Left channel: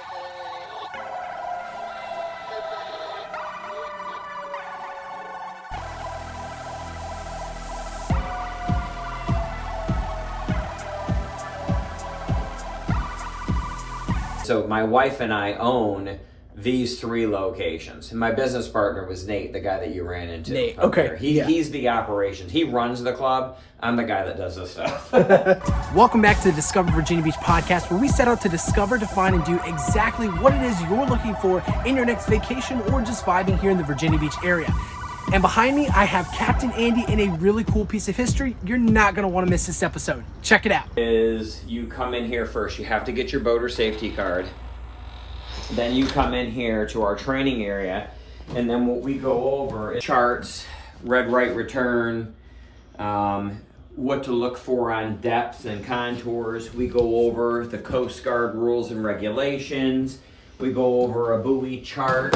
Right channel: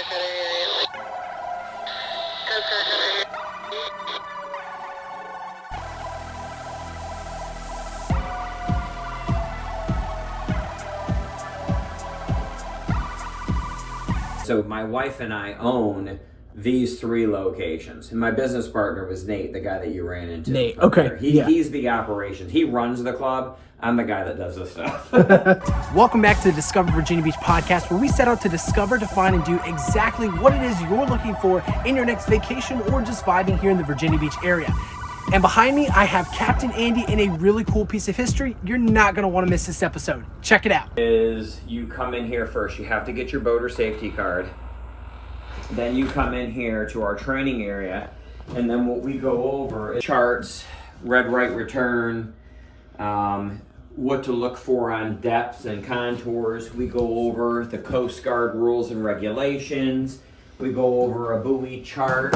So my wife and I own these 3 locations. And my business partner was Nate, the guy that you ran into. Nate, okay. He's the operations. He runs the club. I'm the guy that does the stuff. Welcome back to the Discover Virginia Beach podcast, where we set out to discover, define, and do exactly what it is you're looking for in your next vacation or just vibing here in the Virginia Beach area. And behind me, I have Captain Andy in a really cool piece of history. You're not going to want to miss this episode. Check it out. Is you come in here first. You have to get your boater safety card. Then you come in here to our training area. And then what we go over is charts, red right return, what to look for on depths and contours. We go over the Coast Guard rules and regulations. We go over a buoy chart.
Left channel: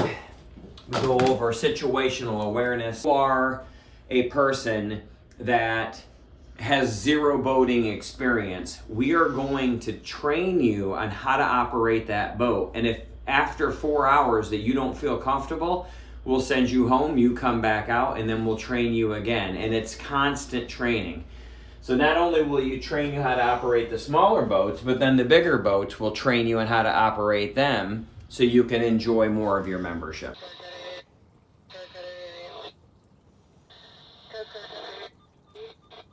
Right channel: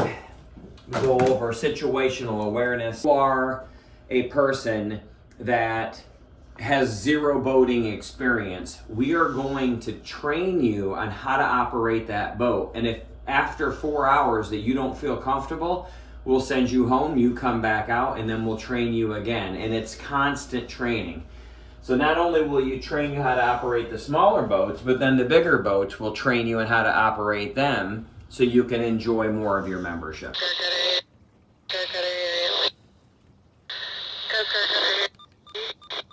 We go over situational awareness. You are a person that has 0 boating experience. We are going to train you on how to operate that boat. And if after 4 hours that you don't feel comfortable, we'll send you home, you come back out, and then we'll train you again. And it's constant training. So not only will you train you how to operate the smaller boats, but then the bigger boats will train you on how to operate them, so you can enjoy more of your membership.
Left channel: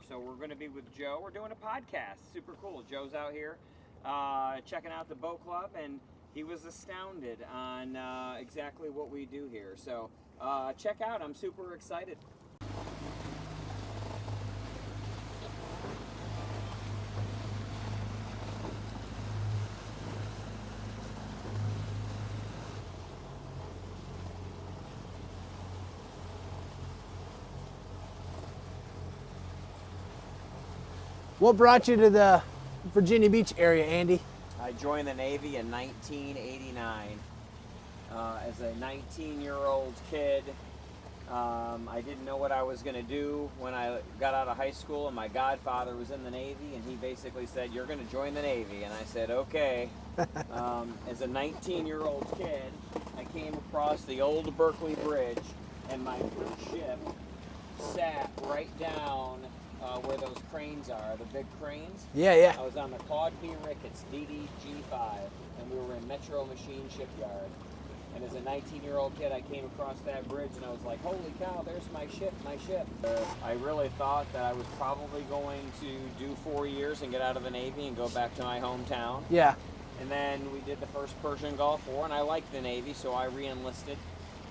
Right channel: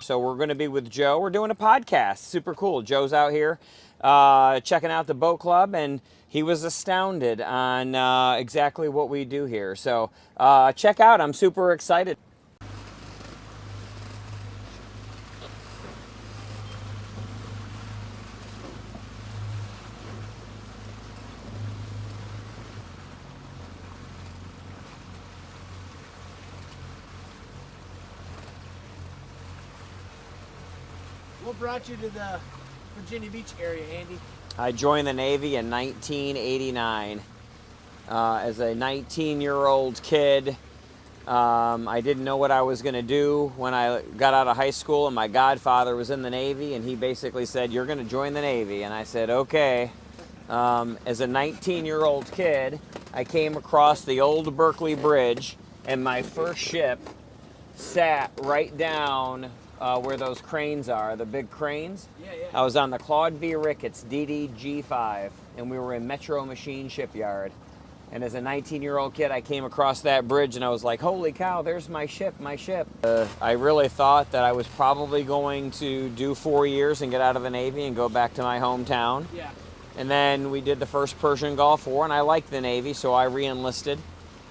So we're going to be with Joe. We're doing a podcast. Super cool. Joe's out here checking out the boat club, and he was astounded on exactly what we do here. So check out. I'm super excited. What brought you to the Virginia Beach area, Andy? I joined the Navy in 1989. As a 19-year-old kid, I didn't know what I was going to do when I got out of high school, and my godfather was in the Navy, and he basically said, "You're going to join the Navy." And I said, "Okay." As a 19-year-old kid, I came across the old Berkeley Bridge, and my first ship sat right down where those cranes are, the big cranes. Yeah. I was on the Claude V. Ricketts DDG-5, and we were in Metro Machine Shipyard. And as a 19-year-old kid, I came across that bridge, and I was like, holy cow, there's my ship. I really thought that I was probably going to do 4 years and get out of the Navy and go back to my hometown. Yeah. And then we did the first Persian Gulf War, and I liked the Navy, so I re-enlisted.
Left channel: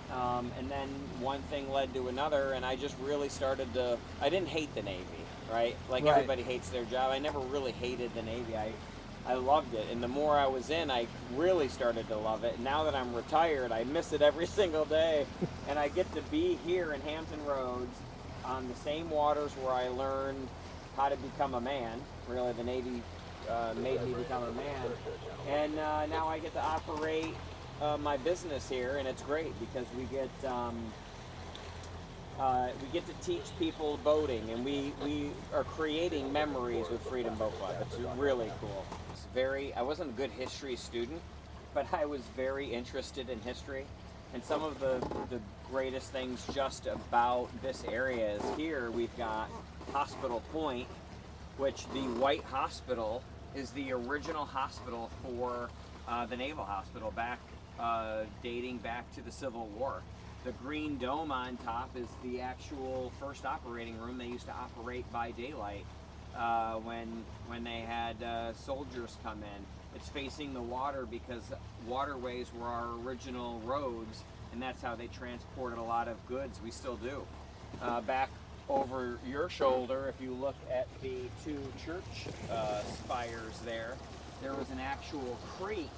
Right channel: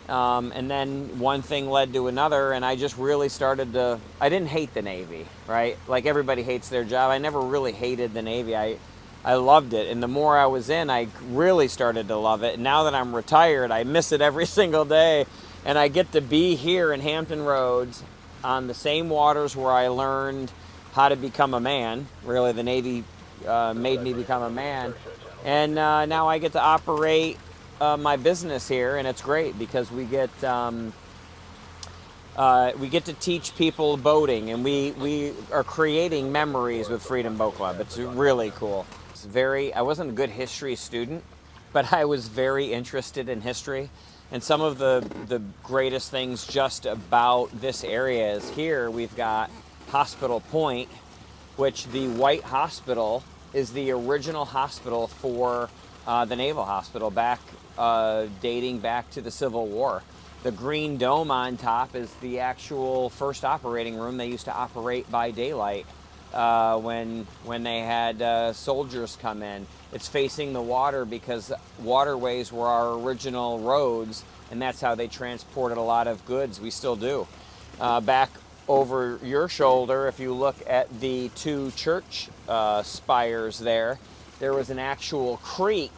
And then one thing led to another, and I just really started to, I didn't hate the Navy, right? Like everybody hates their job. I never really hated the Navy. I loved it. And the more I was in, I really started to love it. And now that I'm retired, I miss it every single day. And I get to be here in Hampton Roads on the same waters where I learned how to become a man. Really, the Navy made me become a man. And now I get to operate my business here, and it's great because we get to teach people boating, and we are creating memories with Freedom Boat Club. It's really cool. I wasn't a good history student, but I was very interested in history. And some of the greatest things just about this area is here we've got Hospital Point, which the White Hospital is the original hospital for the Naval Hospital dating back to the Civil War. The green dome on top is the actual first operating room. They used to operate by daylight when they had soldiers come in. It's facing the water because waterways were our original roads, and that's how they transported a lot of goods. We still do. Back over your shoulder, if you look at the 2 church spires there was an actual creek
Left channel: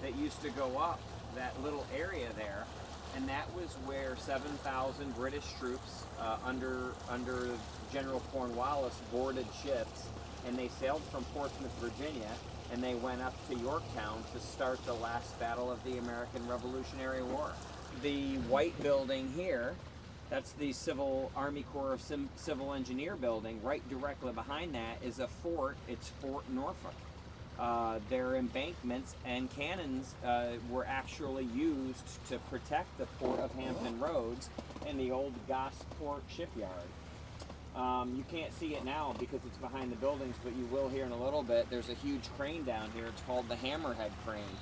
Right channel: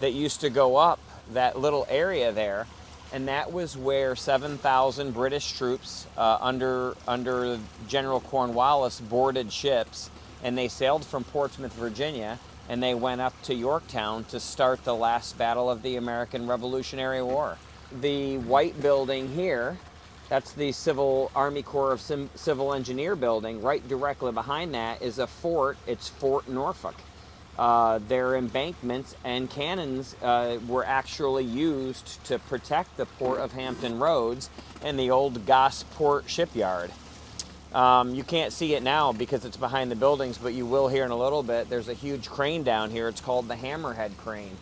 that used to go up that little area there, and that was where 7,000 British troops under General Cornwallis boarded ships, and they sailed from Portsmouth, Virginia, and they went up to Yorktown to start the last battle of the American Revolutionary War. The white building here, that's the Army Corps of Civil Engineer building. Right directly behind that is a fort. It's Fort Norfolk. their embankments and cannons were actually used to protect the port of Hampton Roads and the old Gosport shipyard. You can't see it now because it's behind the buildings, but you will here in a little bit. There's a huge crane down here. It's called the Hammerhead crane.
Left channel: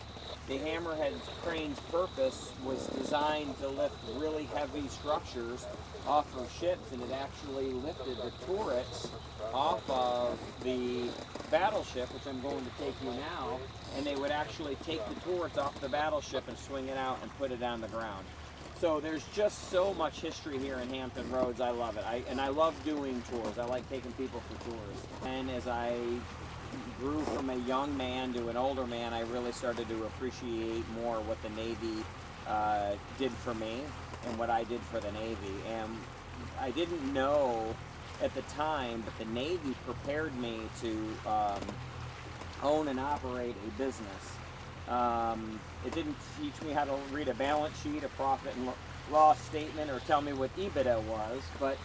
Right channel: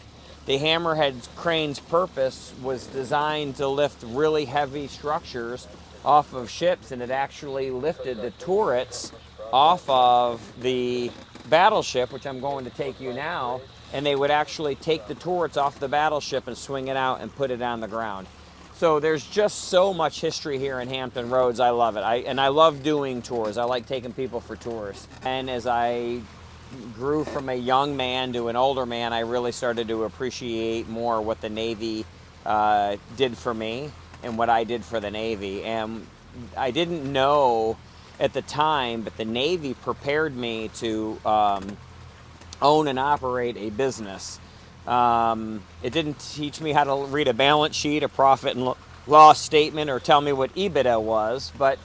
The Hammerhead crane's purpose was designed to lift really heavy structures off of ships, and it actually lifted the turrets off of the battleship, which I'm going to take you now, and they would actually take the turrets off the battleship and swing it out and put it on the ground. So there's just so much history here in Hampton Roads. I love it. I love doing tours. I like taking people for tours. And as I grew from a young man to an older man, I really started to appreciate more what the Navy did for me and what I did for the Navy. And I didn't know at the time, but the Navy prepared me to own and operate a business. It didn't teach me how to read a balance sheet, a profit and loss statement, or tell me what EBITDA was, but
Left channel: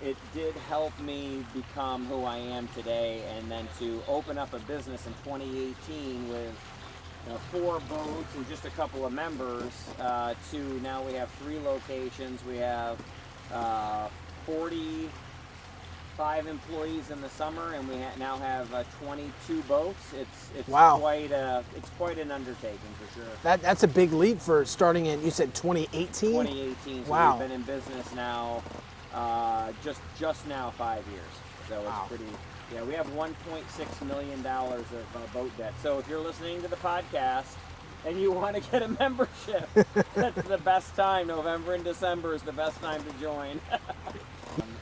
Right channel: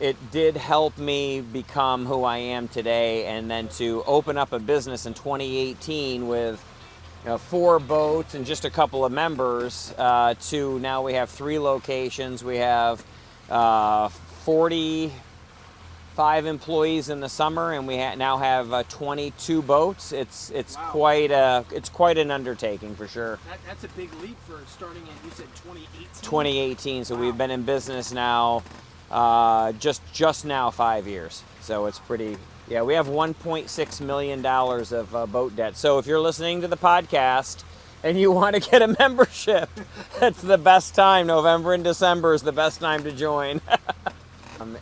it did help me become who I am today, and then to open up a business in 2018 with 4 boats and just a couple of members, to now we have 3 locations. We have 45 employees in the summer, and we now have 22 boats. It's Wow. quite an undertaking for sure. That's a big leap for starting in, you said 2018? 2018, so Wow. we've been in business now just now 5 years. So it's pretty. Yeah, we have $1.6 million of boat debt. So if you're listening to the podcast and you want to get a membership, that's the best time. November and December is the best time to join.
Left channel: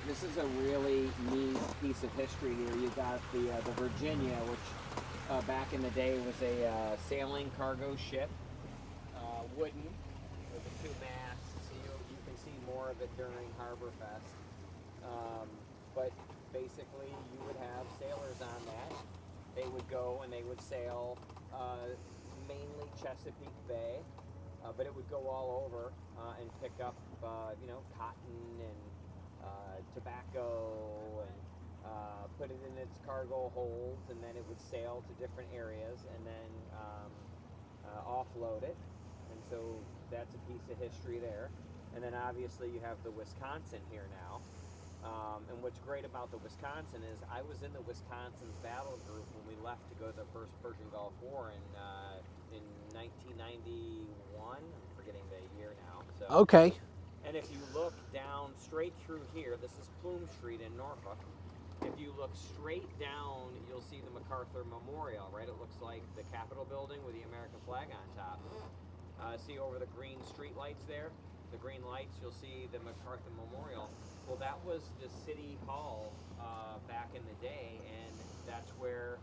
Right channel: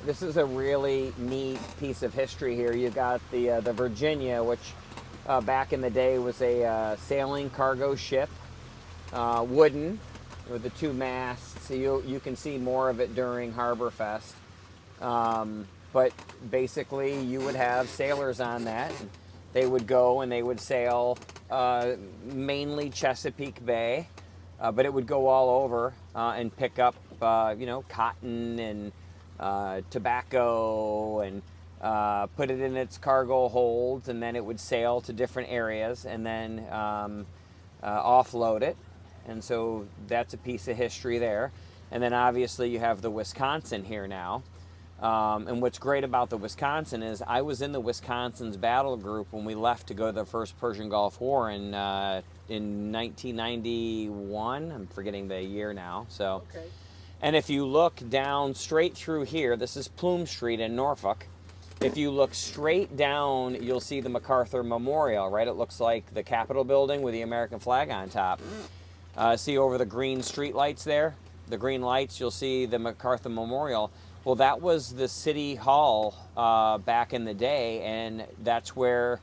This is a really neat piece of history here. You've got the Virginia, which back in the day was a sailing cargo ship, wooden, with the 2 masts. So you can see more of it during Harbor Fest. But basically, you would have sailors on that. They would go and they would sail mainly Chesapeake Bay, but it would go all over and pick up, cotton and tobacco and put it in its cargo holds, and then it would sail to different areas and then offload it. And so that's a piece of history there. And then obviously you have the Wisconsin here now. And what's great about the Wisconsin is I was in the Wisconsin's battle group when we left to go to the first Persian Gulf War in 1991. I'm forgetting the year now. So Okay. And if you look down straight through here, this is Plume Street in Norfolk. If you look straight down, you'll see the MacArthur Memorial, right? It looks like the Capitol building with the American flag on top. See over the green street lights there? The green lights, you'll see the MacArthur Memorial. Well, that was the city hall back in the day, and that's where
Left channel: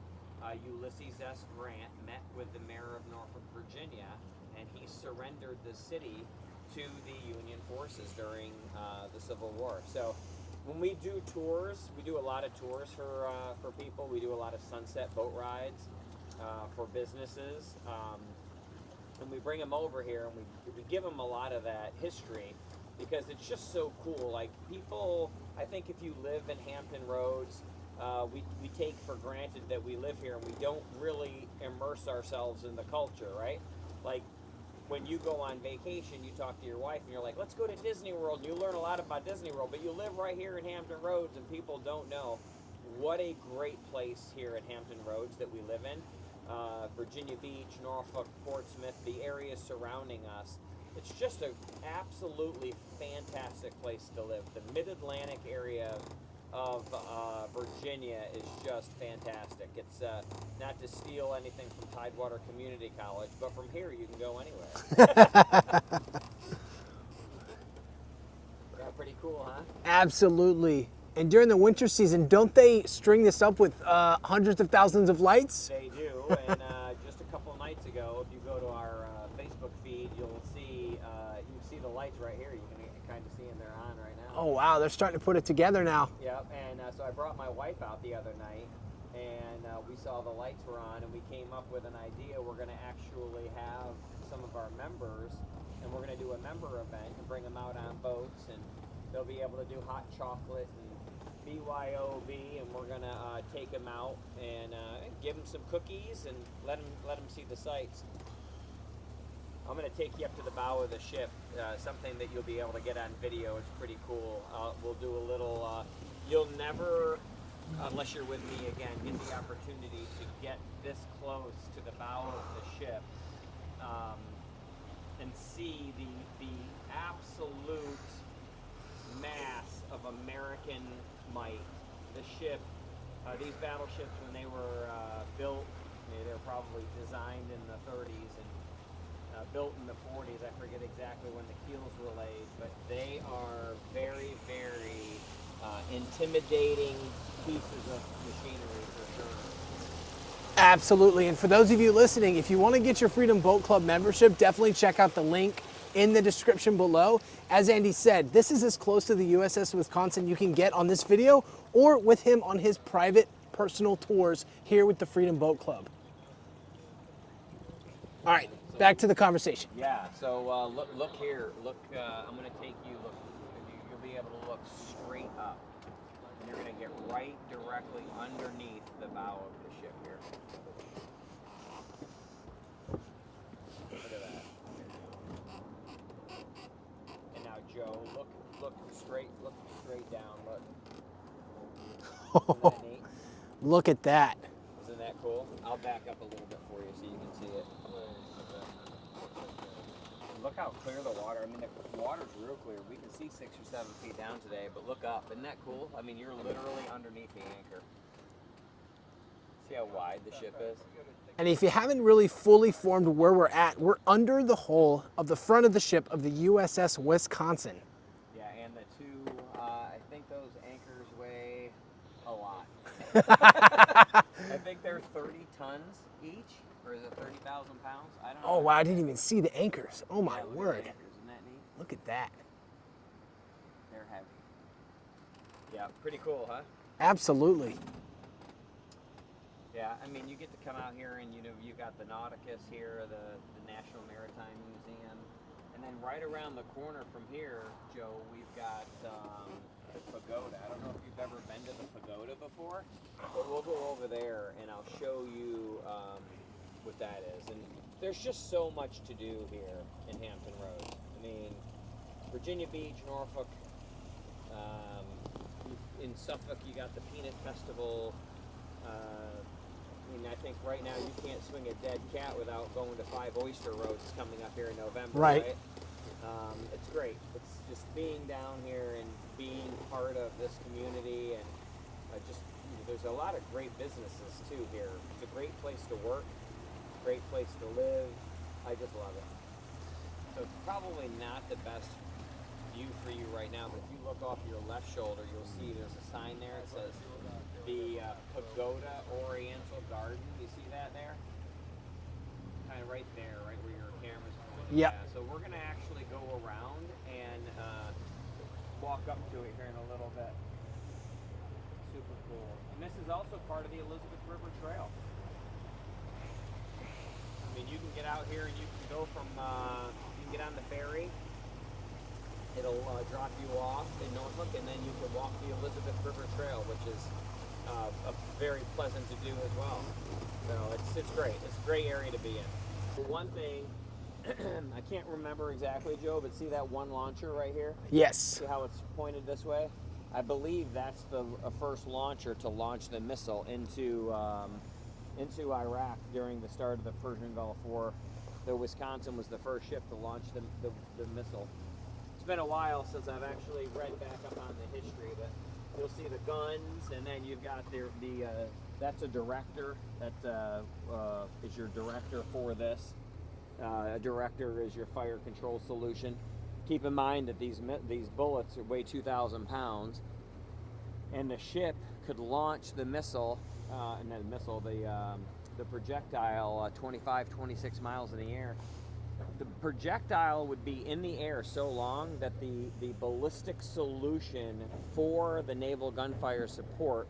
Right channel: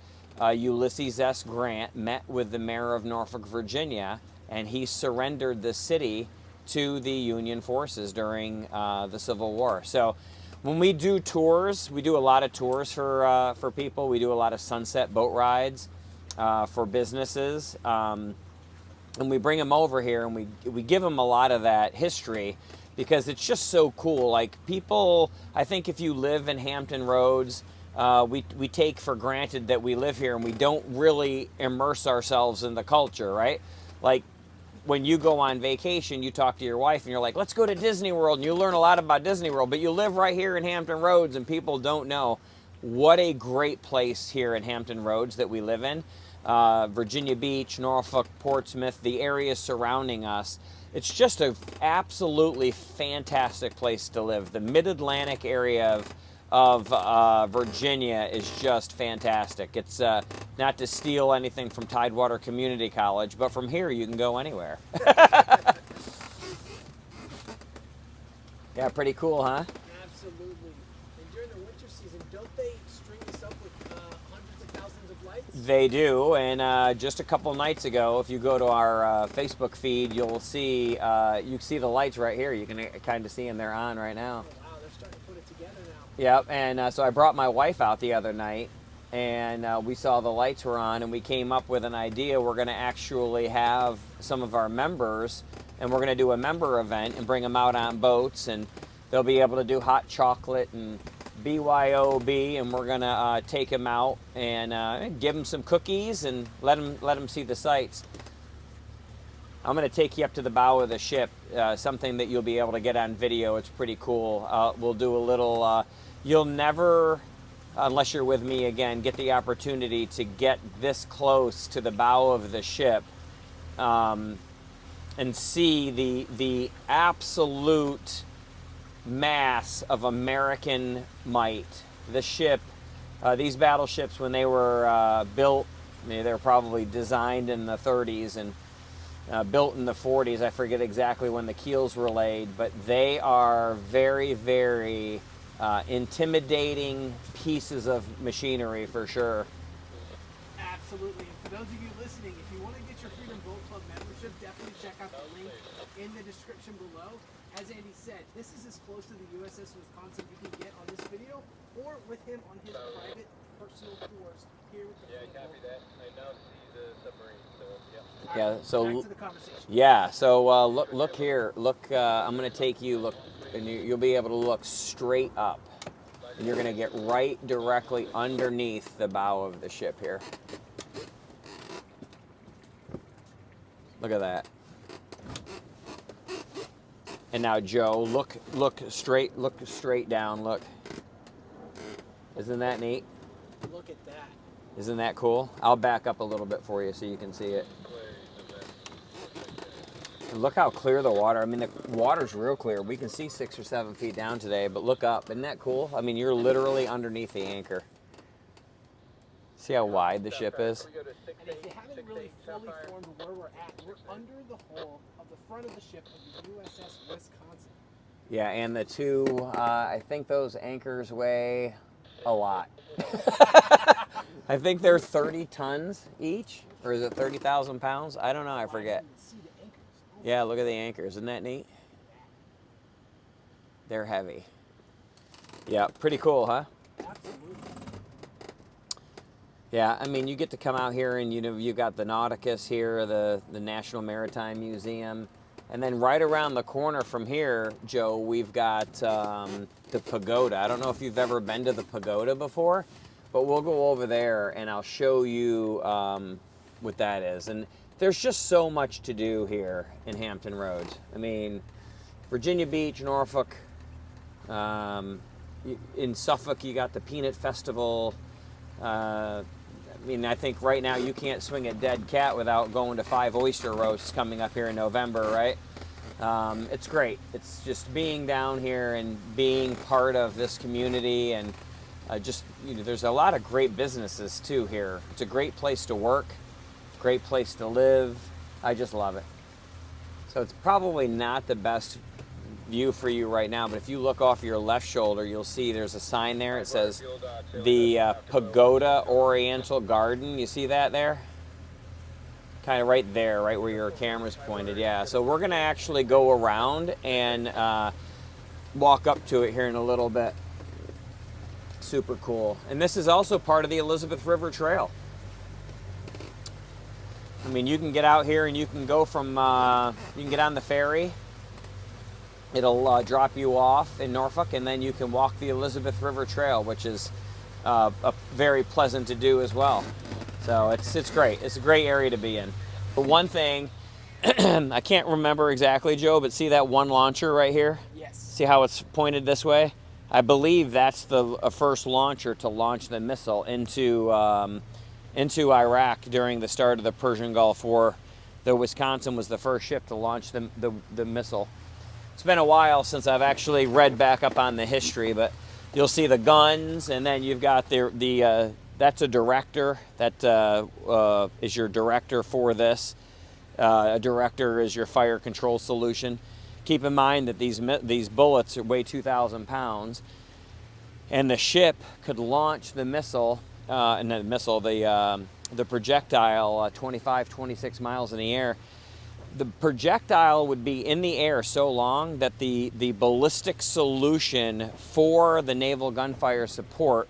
Ulysses S. Grant met with the mayor of Norfolk, Virginia, and he surrendered the city to the Union forces during the Civil War. So when we do tours, we do a lot of tours for people. We do a lot of sunset boat rides for businesses. And we bring them over here and we give them a lot of that history because it's just so cool. Like people, I think if you live in Hampton Roads, we take for granted that we live here and we don't really immerse ourselves in the culture, right? Like when you go on vacation, you talk to your wife and you're like, let's go to Disney World, and you learn a lot about Disney World, but you live right here in Hampton Roads and people don't know what a great place here in Hampton Roads that we live in. Virginia Beach, Norfolk, Portsmouth, the areas surrounding us. It's just an absolutely fantastic place to live. The mid-Atlantic area of Virginia is just fantastic. It's not to steal anything from Tidewater Community College, but from here you can go anywhere. Yeah, pretty cool, huh? Absolutely. And during the winter season, don't they string this up with hundreds of thousands of lights? They do, and just a couple nights ago, if you go to our Facebook feed, you'll see you see the lights right here. You can kind of see them. They're on right now. Oh wow, they're starting to put it together now. Yep, and so I brought my wife out the other night, and we saw the lights were on, and we came up with an idea. We're going to actually have some of our members, and we're going to do a member event and bring them out on boats, and they'll be able to do hot chocolate and BYOB, and we're gonna take him out and give him some cookies and let him see the sights. I'm gonna take you up to the bow of the ship, something that you'll be able to get on video. It's pretty cool. We'll do a little. You'll never, unless you're with me again, get the opportunity to get this close to the bow of the ship and see the absolute mass of American might. The ship, these battleships, when they were built, they were probably designed in the 30s and built in the 40s. I forget exactly when the keels were laid, but they are very, very intimidating pieces of machinery for sure. Absolutely. And for those of you listening, if you want to get your Freedom Boat Club membership, definitely check out the link in the description below. As Andy said, this is as close to the USS Wisconsin you can get on this video or with him on his private personal tours here with the Freedom Boat Club. All right, so back to the conversation. Yeah, so look here. Look, I'm going to take you, look, and you'll be able to look straight up. And you're going to get right directly underneath the bow of the ship here. Look at that. And now, Joe, look straight down. Look. Isn't that neat? Look at that. Isn't that cool? I'll back up a little bit for you so you can see it. And look how clear the water. I mean, the water's real clear. We can see 6 or 7 feet down today, but look up. Isn't that cool? I mean, you're literally underneath the anchor. See how wide the ship is? And if you haven't really fully formed where we're at, we're under the hull of the front of the ship of the USS Wisconsin. Yeah, and the two, I think those anchors weigh a lot. I think they're 30 tons each, or is it 30,000 pounds? I don't know. Oh, wow, I didn't even see the anchors. Oh, my Yeah, look word. at the anchors. Isn't that neat? Look at that. They're heavy. Yeah, pretty cool, huh? Absolutely. Yeah, I mean, you get to come out here and, you got the Nauticus here, the National Maritime Museum. And then right around the corner from here, Joe, we've got the pagoda. I don't know if you've ever been to the pagoda before, but we'll go over there and I'll show you what that is. And there's just so much to do here in Hampton Roads. I mean, Virginia Beach, Norfolk, in Suffolk, you got the Peanut Festival. I mean, I think right now you can't swing a dead cat without going to 5 oyster roasts coming up here in November, right? It's great. It's just being down here and being part of this community, and there's a lot of great businesses too here. It's a great place to work, great place to live. I just love it. So it's probably not the best view for you right now, but if you look off your left shoulder, you'll see there's a sign there. It says the Pagoda Oriental Garden. You see that there? Kind of right there, right where your camera's pointed. Yeah. So we're gonna actually go around and walk up to it here in a little bit. Super cool. And this is also part of the Elizabeth River Trail. I mean, you can get out here and you can go from, you can get on the ferry. It'll drop you off in Norfolk, and then you can walk the Elizabeth River Trail, which is very pleasant to do as well. So it's great. It's a great area to be in. The one thing, I can't remember exactly, Joe, but see that one launcher right here? Yes. See how it's pointed this way? I believe that's the first launcher to launch the missile into Iraq during the start of the Persian Gulf War. The Wisconsin was the first ship to launch the missile. It's been a while since I've actually read back up on the history, but you'll see the guns, and then you've got that's a director. That is your director for this. A director is your fire control solution. Keep in mind that these bullets weigh 2,000 pounds, and the ship could launch the missile, the projectile 25, 26 miles in the air. The projectile would be in the air so long that the ballistic solution for the naval gunfire support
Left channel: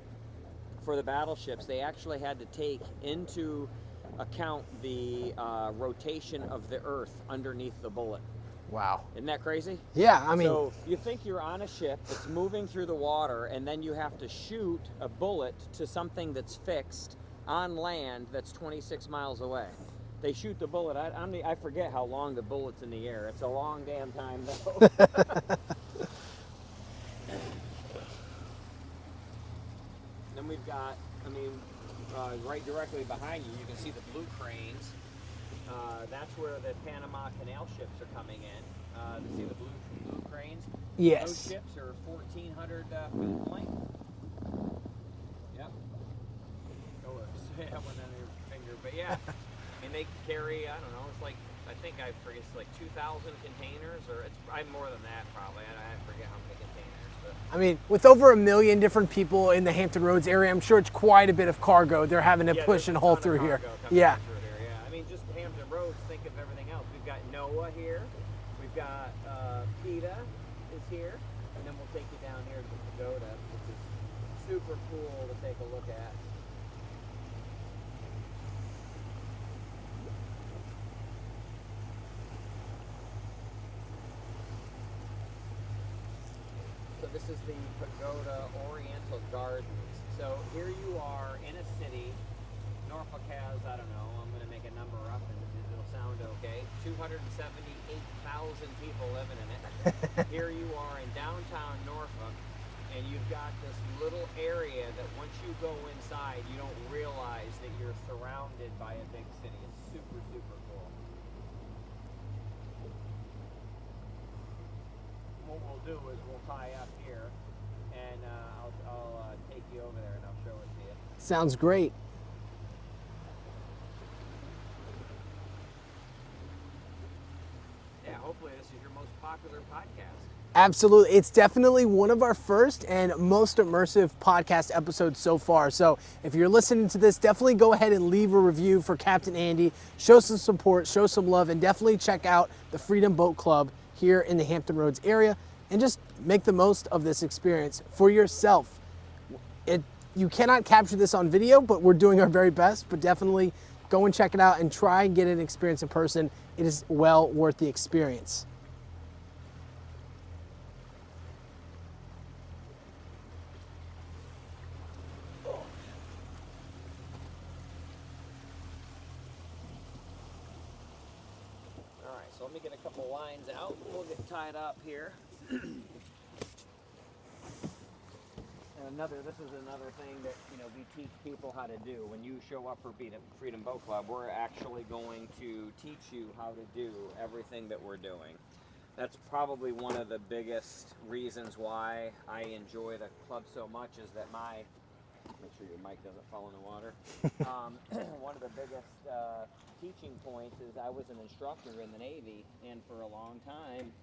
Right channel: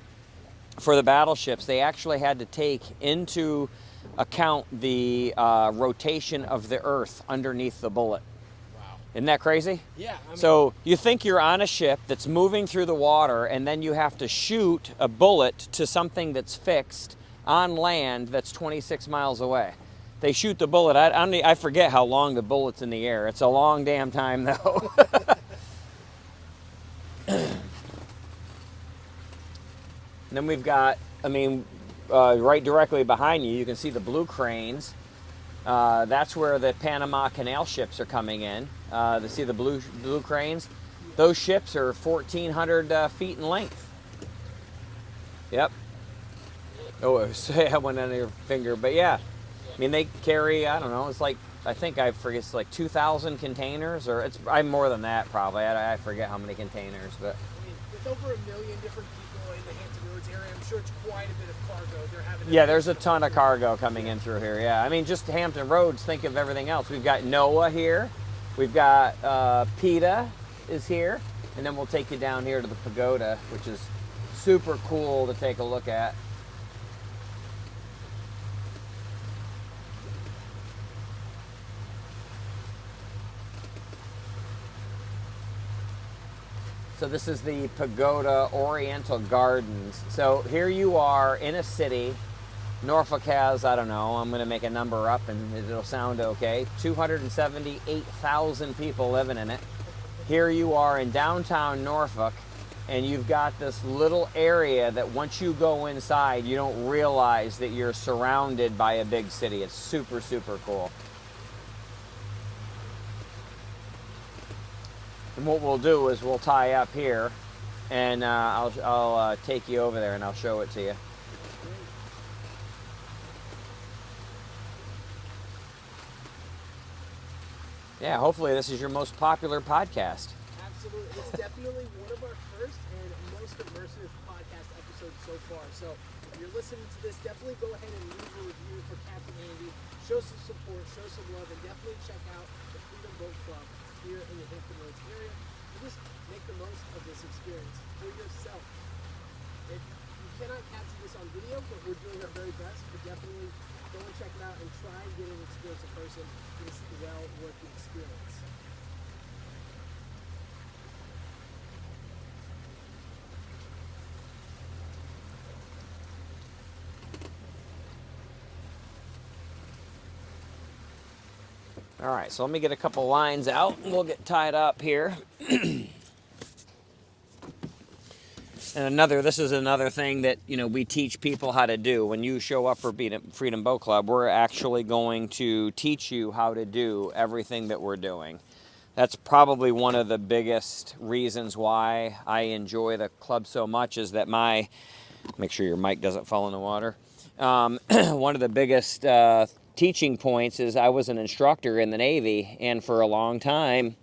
for the battleships, they actually had to take into account the rotation of the Earth underneath the bullet. Wow. Isn't that crazy? Yeah, I mean. So you think you're on a ship that's moving through the water, and then you have to shoot a bullet to something that's fixed on land that's 26 miles away. They shoot the bullet. I forget how long the bullet's in the air. It's a long damn time, though. And then we've got, right directly behind you, you can see the blue cranes. That's where the Panama Canal ships are coming in. To see the blue cranes? Yes. Those ships are 1,400 feet in length. Yep. Oh, I went under your finger, but yeah. I mean, they carry, I don't know, it's like, I think I forget, it's like 2,000 containers, or I'm more than that probably. I forget how many containers, but. I mean, with over 1 million different people in the Hampton Roads area, I'm sure it's quite a bit of cargo. They're having to push there's a and hold ton of through cargo here. coming in through here. Yeah, I mean, just Hampton Roads. Think of everything else. We've got Noah here. We've got PETA is here, and then we'll take you down here to the pagoda, which is super cool to take a look at. So this is the Pagoda Oriental Gardens. So here you are in a city. Norfolk has, I don't know, I'm going to make a number up and it'll sound okay, 278,000 people living in it. Here you are in downtown Norfolk, and you've got this little area that once you go inside, you don't realize that you're surrounded by a big city. It's super, super cool. And what we'll do is we'll tie up here, and I'll take you over there and I'll show it to you. Sounds great. Yeah, hopefully this is your most popular podcast. Absolutely. It's definitely one of our first and most immersive podcast episodes so far. So if you're listening to this, definitely go ahead and leave a review for Captain Andy. Show some support, show some love, and definitely check out the Freedom Boat Club here in the Hampton Roads area, and just make the most of this experience for yourself. You cannot capture this on video, but we're doing our very best. But definitely go and check it out and try and get an experience in person. It is well worth the experience. All right, so let me get a couple lines out and we'll get tied up here. And this is another thing that, we teach people how to do. When you show up for Freedom Boat Club, we're actually going to teach you how to do everything that we're doing. That's probably one of the biggest reasons why I enjoy the club so much, is that make sure your mic doesn't fall in the water. One of the biggest teaching points is I was an instructor in the Navy, and for a long time,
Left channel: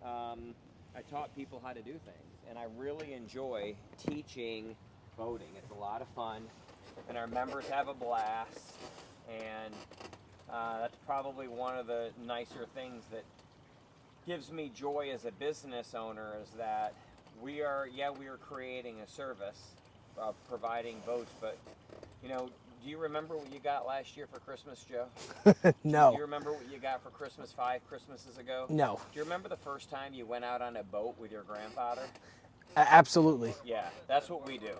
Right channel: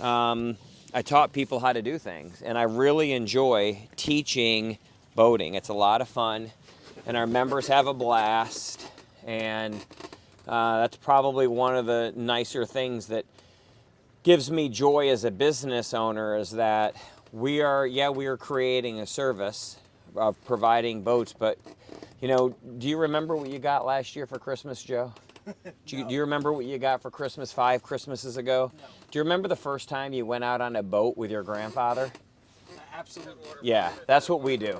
I taught people how to do things, and I really enjoy teaching boating. It's a lot of fun, and our members have a blast, and that's probably one of the nicer things that gives me joy as a business owner, is that we are creating a service of providing boats, but do you remember what you got last year for Christmas, Joe? No. Do you remember what you got for Christmas 5 Christmases ago? No. Do you remember the first time you went out on a boat with your grandfather? Absolutely. Yeah, that's what we do.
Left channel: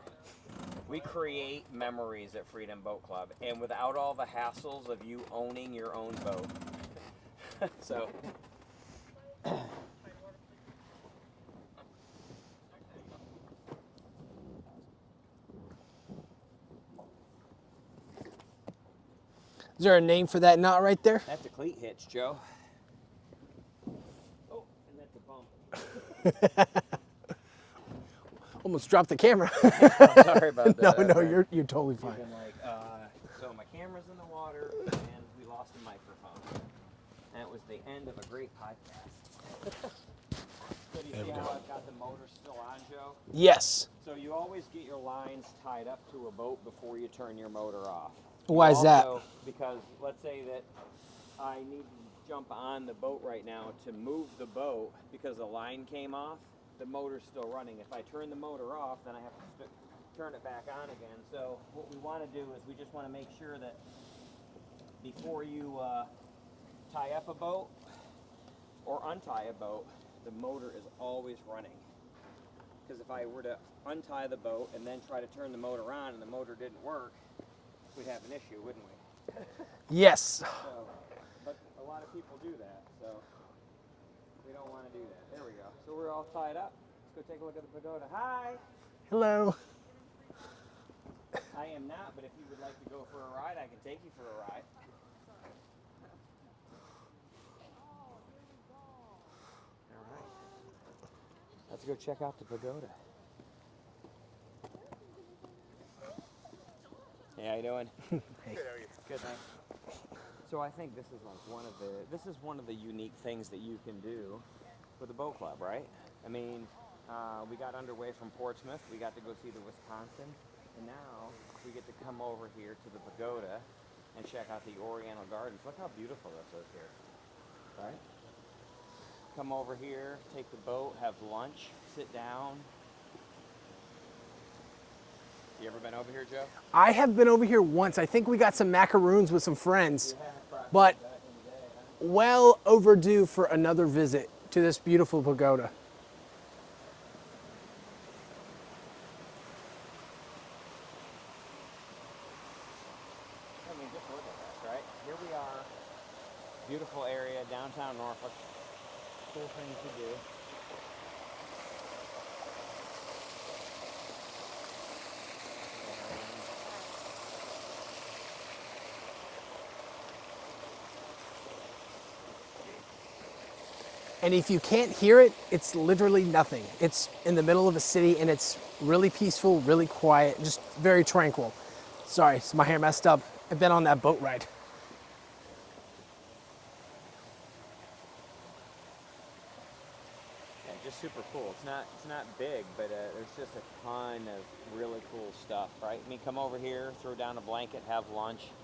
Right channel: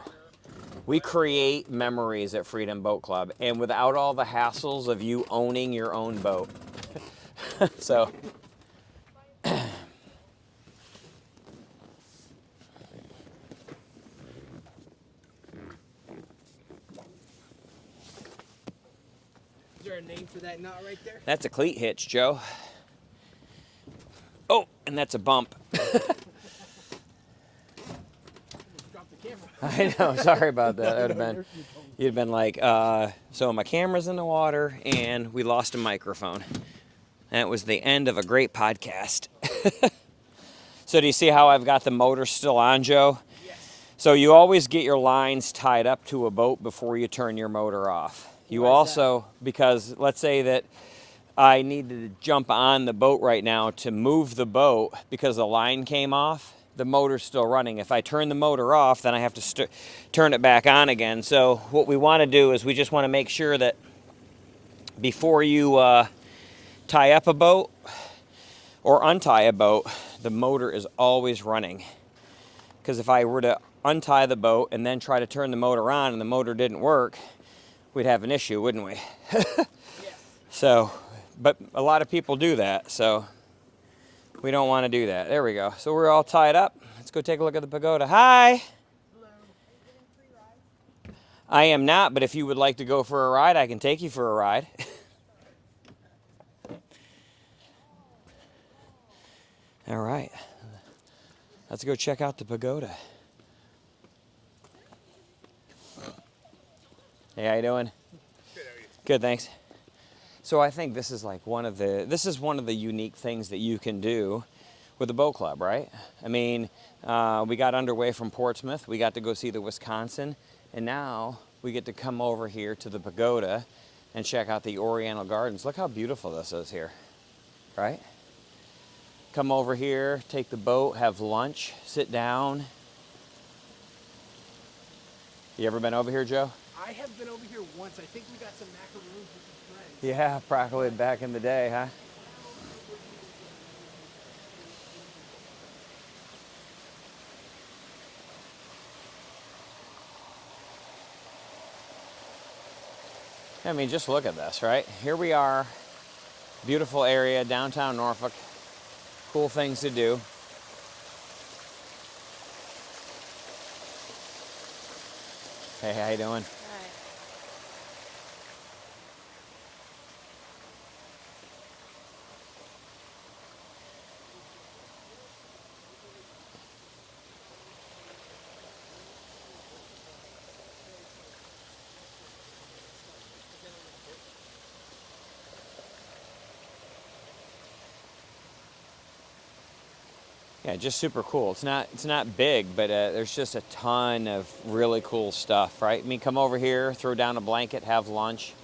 We create memories at Freedom Boat Club, and without all the hassles of you owning your own boat. So. Is there a name for that knot right there? That's a cleat hitch, Joe. Oh, and that's a bump. Almost dropped the camera. I'm sorry about that. No, you're totally fine. You'd been like, so my camera's in the water and we lost a microphone. That was the end of a great podcast. So do you see how I've got the motor still on, Joe? Yes. So you always get your lines tied up to a boat before you turn your motor off. Why is that? Because let's say that I need to jump on the boat right now to move the boat because the line came off, the motor's still running. If I turn the motor off, then I have to turn it back on again. So what we want to do is we just want to make sure that before you tie up a boat, or untie a boat, the motor is always running. Because if I were to untie the boat and then try to turn the motor on and the motor didn't work, we'd have an issue, wouldn't we? Yes. So, but a lot of people do that, so we don't want to do that. There we go. So we're all tied up. Let's go take a look at the pagoda. Hi. Hello. I am not, but if you would like to go for a ride, I can take you for a ride. All right. Let's go check out the pagoda. Hey, how you doing? Good, thanks. So I think this is like one of the unique things that you can do with the boat club, right? I mean, we got underway from Portsmouth. We got to go see the Wisconsin, and now we get to come over here to the pagoda and check out the Oriental Gardens. Look how beautiful this is here, right? Come over here, take the boat, have lunch, sit down. You ever been over here, Joe? I have been over here once. I think we got some macaroons with some friends. Yeah, probably But- back in the day, huh? Well overdue for another visit to this beautiful pagoda. I mean, just look at this, right? Here we are, beautiful area, downtown Norfolk, cool things to do. Hey, how you doing? And if you can't hear it, it's literally nothing. It's in the middle of a city and it's really peaceful, really quiet, just very tranquil. Sorry, my hair messed up. I've been on that boat ride. Yeah, just super cool. It's not big, but there's just a ton of really cool stuff, right? I mean, come over here, throw down a blanket, have lunch,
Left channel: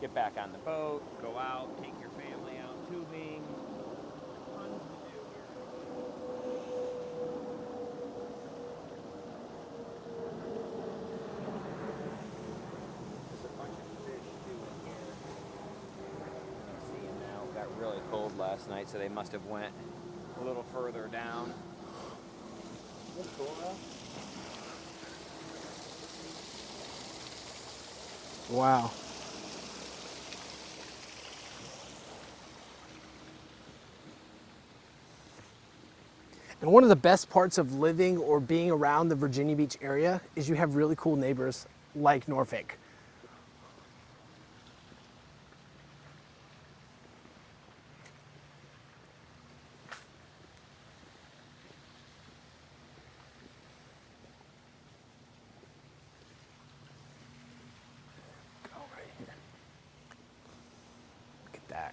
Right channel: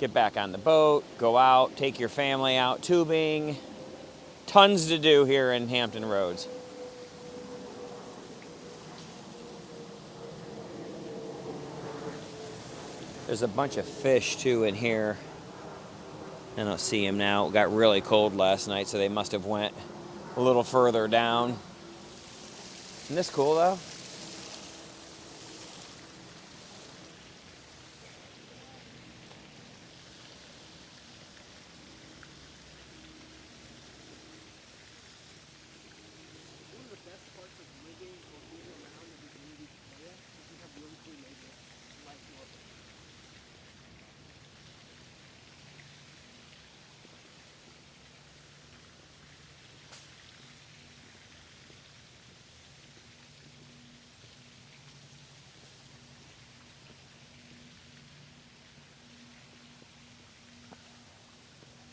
get back on the boat, go out, take your family out tubing. Tons to do here in Hampton Roads. There's a bunch of fish too in here. I don't see them now. It got really cold last night, so they must have went a little further down. Isn't this cool though? Wow. And one of the best parts of living or being around the Virginia Beach area is you have really cool neighbors like Norfolk. Go right here. Look at that.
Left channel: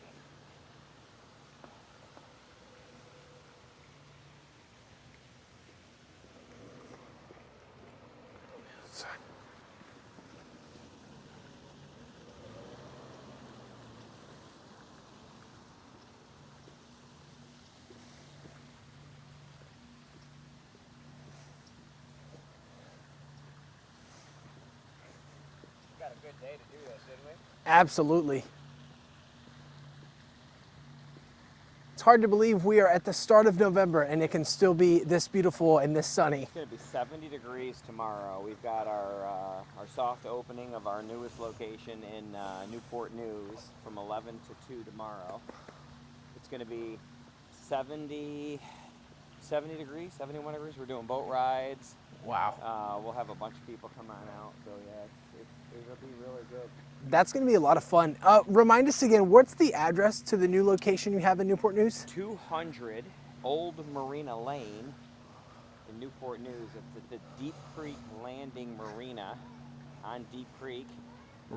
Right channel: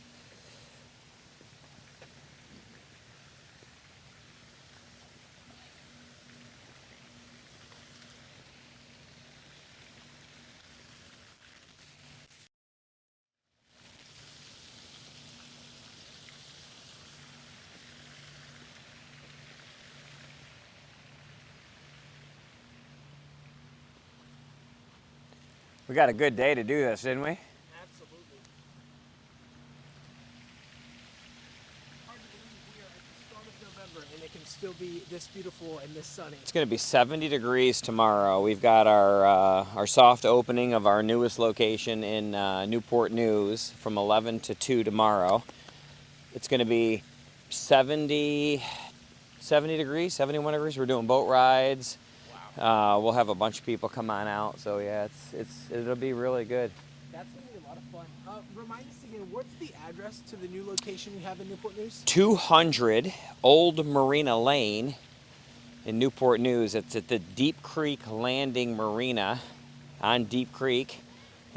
We got a good day to do this, didn't we? Absolutely. It's hard to believe we are at the start of November and it can still be this beautiful and this sunny. It's going to be 70 degrees tomorrow. We've got our soft opening of our newest location in Newport News from 11 to 2 tomorrow. It's going to be 70 degrees, 71 degrees. We're doing boat rides. Wow. We'll have a bunch of people come on out. So yeah, it'll be really good. That's going to be a lot of fun. Remind us again, what's the address to the new location you have in Newport News? 200 Old Marina Lane in Newport News. It's at the Deep Creek Landing Marina on Deep Creek.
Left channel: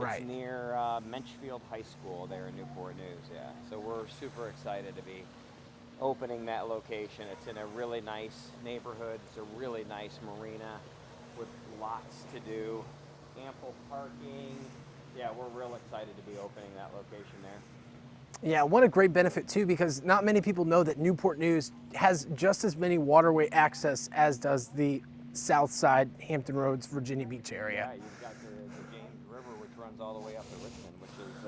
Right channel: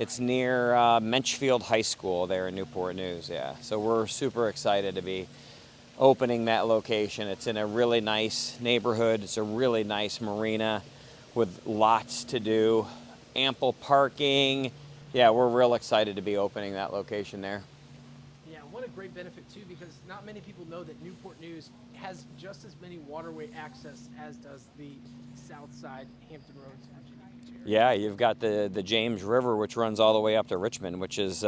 It's Right. near Menchfield High School there in Newport News, yeah. So we're super excited to be opening that location. It's in a really nice neighborhood. It's a really nice marina with lots to do, ample parking. Yeah, we're real excited to be opening that location there. Yeah, what a great benefit too, because not many people know that Newport News has just as many waterway access as does the South Side, Hampton Roads, Virginia Beach area. Yeah, you've got the James River, which runs all the way up to Richmond, which is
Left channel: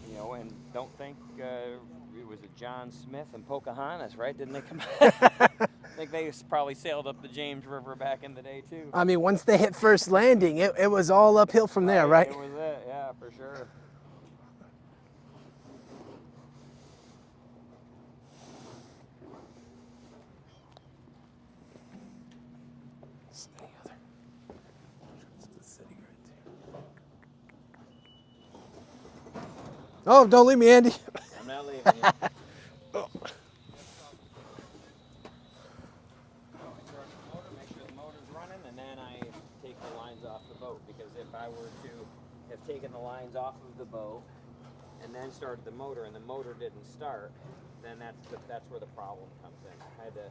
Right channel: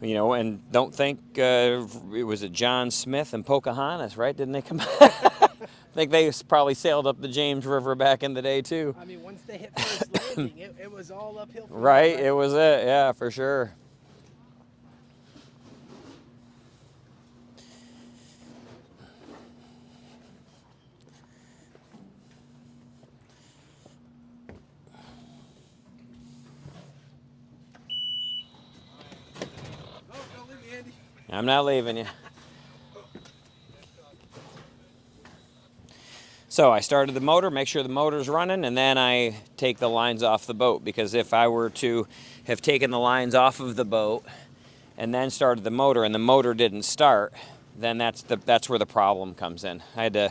You know, and don't think it was John Smith and Pocahontas, right? Didn't they come? I think they probably sailed up the James River back in the day too. I mean, once they hit first landing, it was all uphill from Right, there, right? it was it. Yeah, for sure. Oh, don't leave me, Andy. I'm not leaving you. So I started the motor, make sure the motor's running, and then I take the lines off the boat, because if I were to have taken the lines off of the boat and then started the motor and the motor didn't start, then that's where the problem comes in. I had to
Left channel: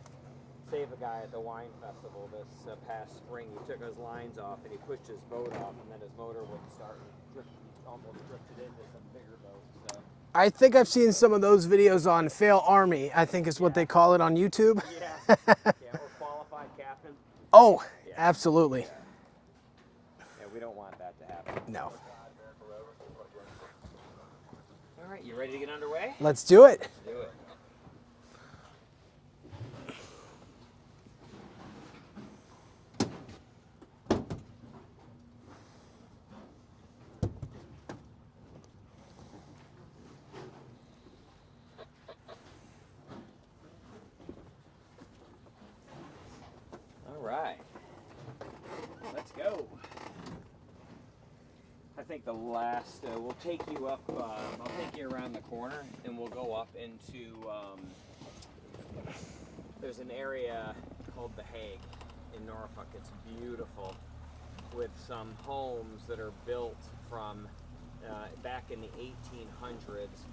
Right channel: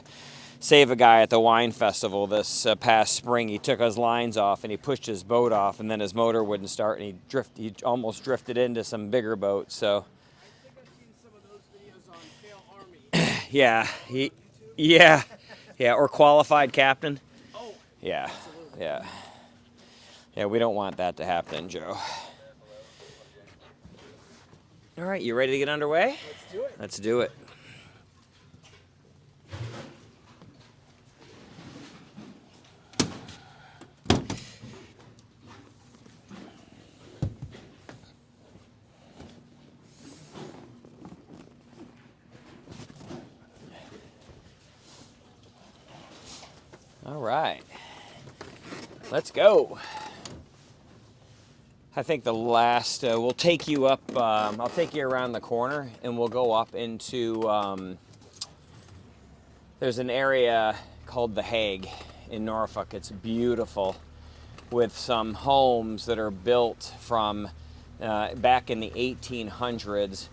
save a guy at the wine festival this past spring. He took his lines off and he pushed his boat off, and then his motor wouldn't start, and he almost drifted into some bigger boats. So I think I've seen some of those videos on Fail Army, I think is what they call it on YouTube. Yeah, yeah, or Qualified Captain. Oh, Yeah, absolutely. Yeah, yeah, we don't want that to happen, Joe. All right, you ready to get underway? Let's do it. Let's do it. All right, let's go. I think the last, we'll take you up, I'll take you around the corner and we'll go up into, there's an area called The Hague in Norfolk. It's beautiful, with some homes that are built from back in the 1800s.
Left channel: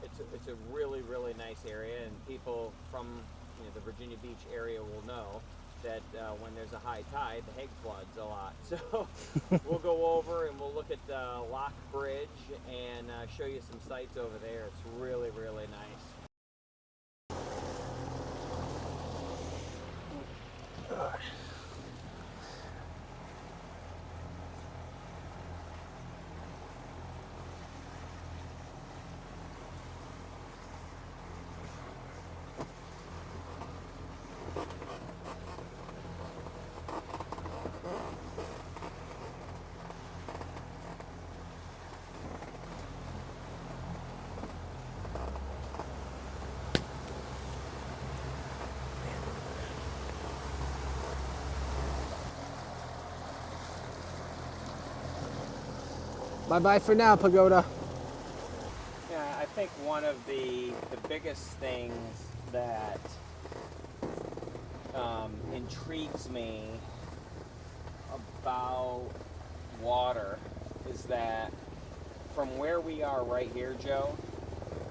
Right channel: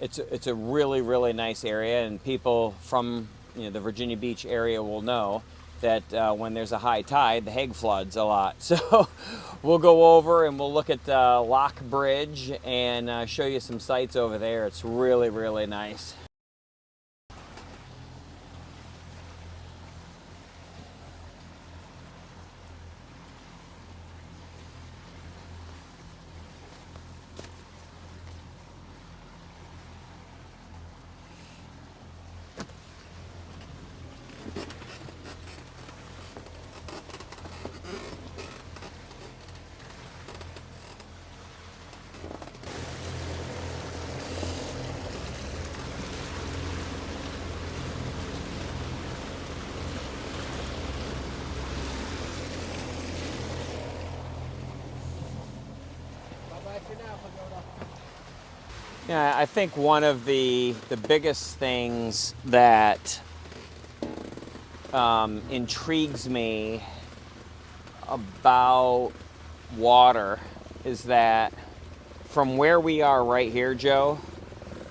It's a really, really nice area, and people from the Virginia Beach area will know that when there's a high tide, the Hague floods a lot. So we'll go over and we'll look at Lock Bridge and show you some sights over there. It's really, really nice. Bye-bye for now, Pagoda. Yeah, I think one of the biggest things that intrigues me about water is that from where we are right here, Joe,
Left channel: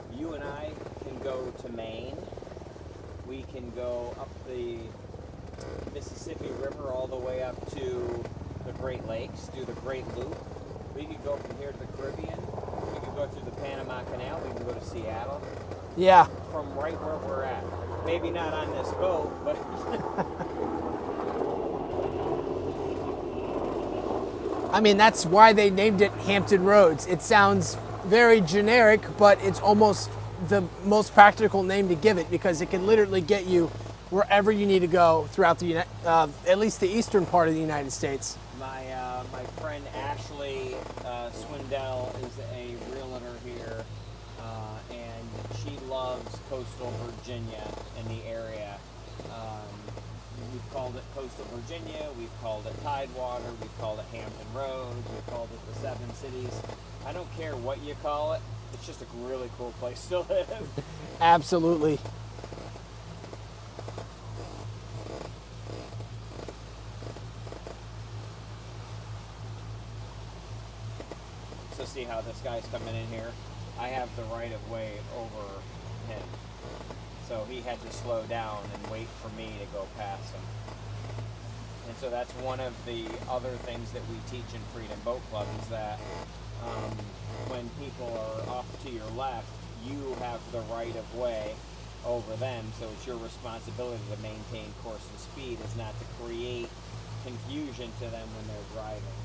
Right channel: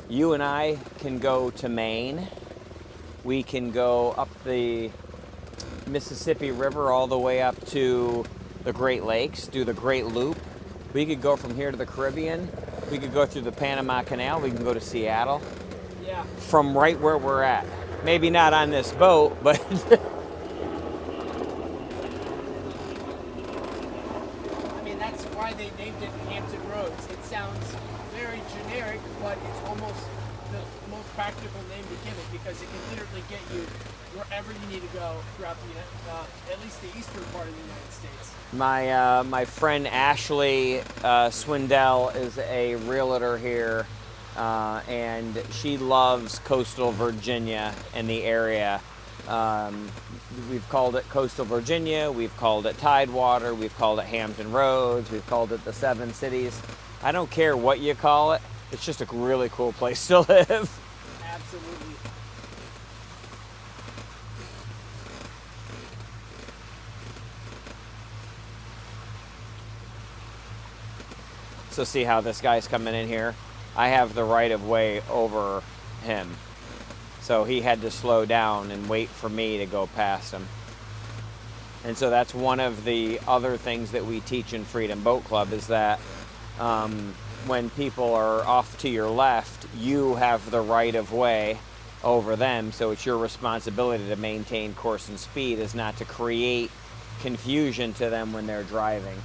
you and I can go to Maine. We can go up the Mississippi River all the way up to the Great Lakes, do the Great Loop. We could go from here to the Caribbean. We could go through the Panama Canal. We can go to Seattle. Yeah. From right where we're at. Maybe not on this boat, but I mean, that's why they named it Hampton Roads. It sounds very generic, but it's almost the most practical name to give it, because it can literally get you wherever you need to go throughout the at least the eastern part of the United States. my friend Ashley Swindell is a realtor here, and she loves coastal Virginia and the area. We've called it coastal Virginia, we've called it Tidewater, we've called it Hampton Roads, we've called it the Seven Cities. I don't care what you call it, it's just a really cool place to live. Absolutely. So see how this guy's coming in here? I have the right of way over him. So he had to slow down and wait for me to go past him. And so that's one of the other things that we teach in Freedom Boat Club, is that when people are off to your left, you have the right of way over them. So it's your responsibility to maintain course and speed, is not to create confusion to them when they're driving.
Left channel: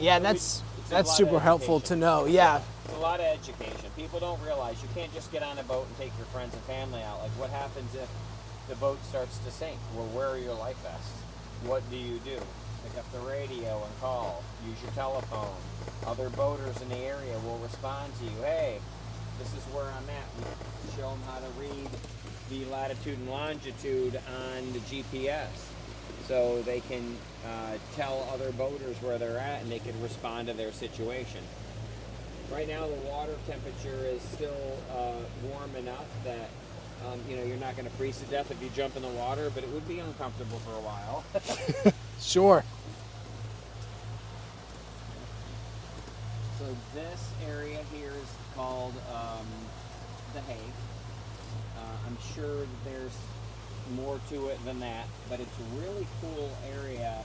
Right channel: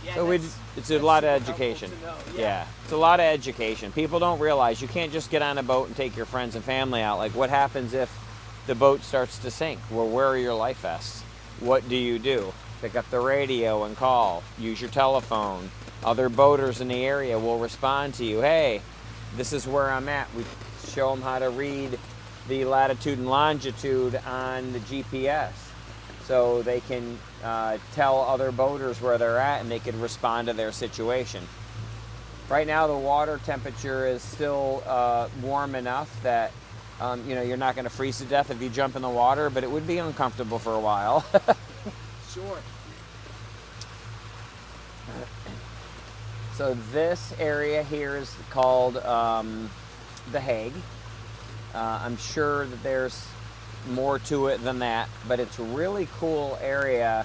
Yeah, So that's it's a lot of super helpful education. to know. Yeah. It's a lot of education. People don't realize you can't just get on a boat and take your friends and family out. Like, what happens if the boat starts to sink? Well, where are your life vests? What do you do? Pick up the radio and call. Use your telephone. Other boaters in the area will respond to you. Hey, this is where I'm at. We show them how to read the latitude and longitude on the GPS, so they can tell other boaters where they're at and they can respond to their situation. Right now, the water temperature is still warm enough that you're not going to freeze to death if you jump in the water, but it would be uncomfortable for a while. Sure. So this area here is called the Hague. I'm sure that there's more to it than that, but it's a really cool area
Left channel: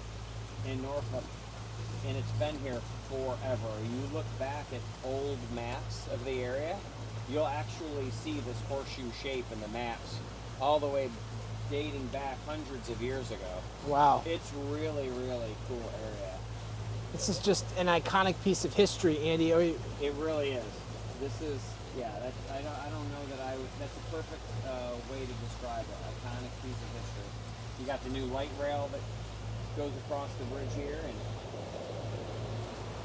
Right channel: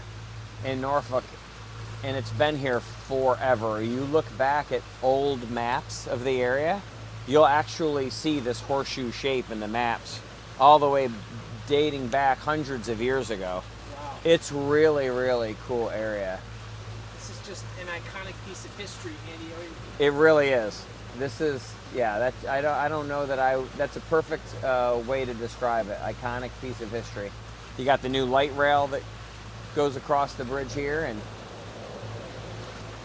in Norfolk, and it's been here forever. You look back at old maps of the area, you'll actually see this horseshoe shape in the maps all the way dating back hundreds of years ago. Wow. It's really, really cool area. This is just an iconic piece of history, Andy. It really is. This is, yeah, I don't know that that's a perfect way to describe it. Iconic piece of history. You got the new light rail that goes across the bridge here, and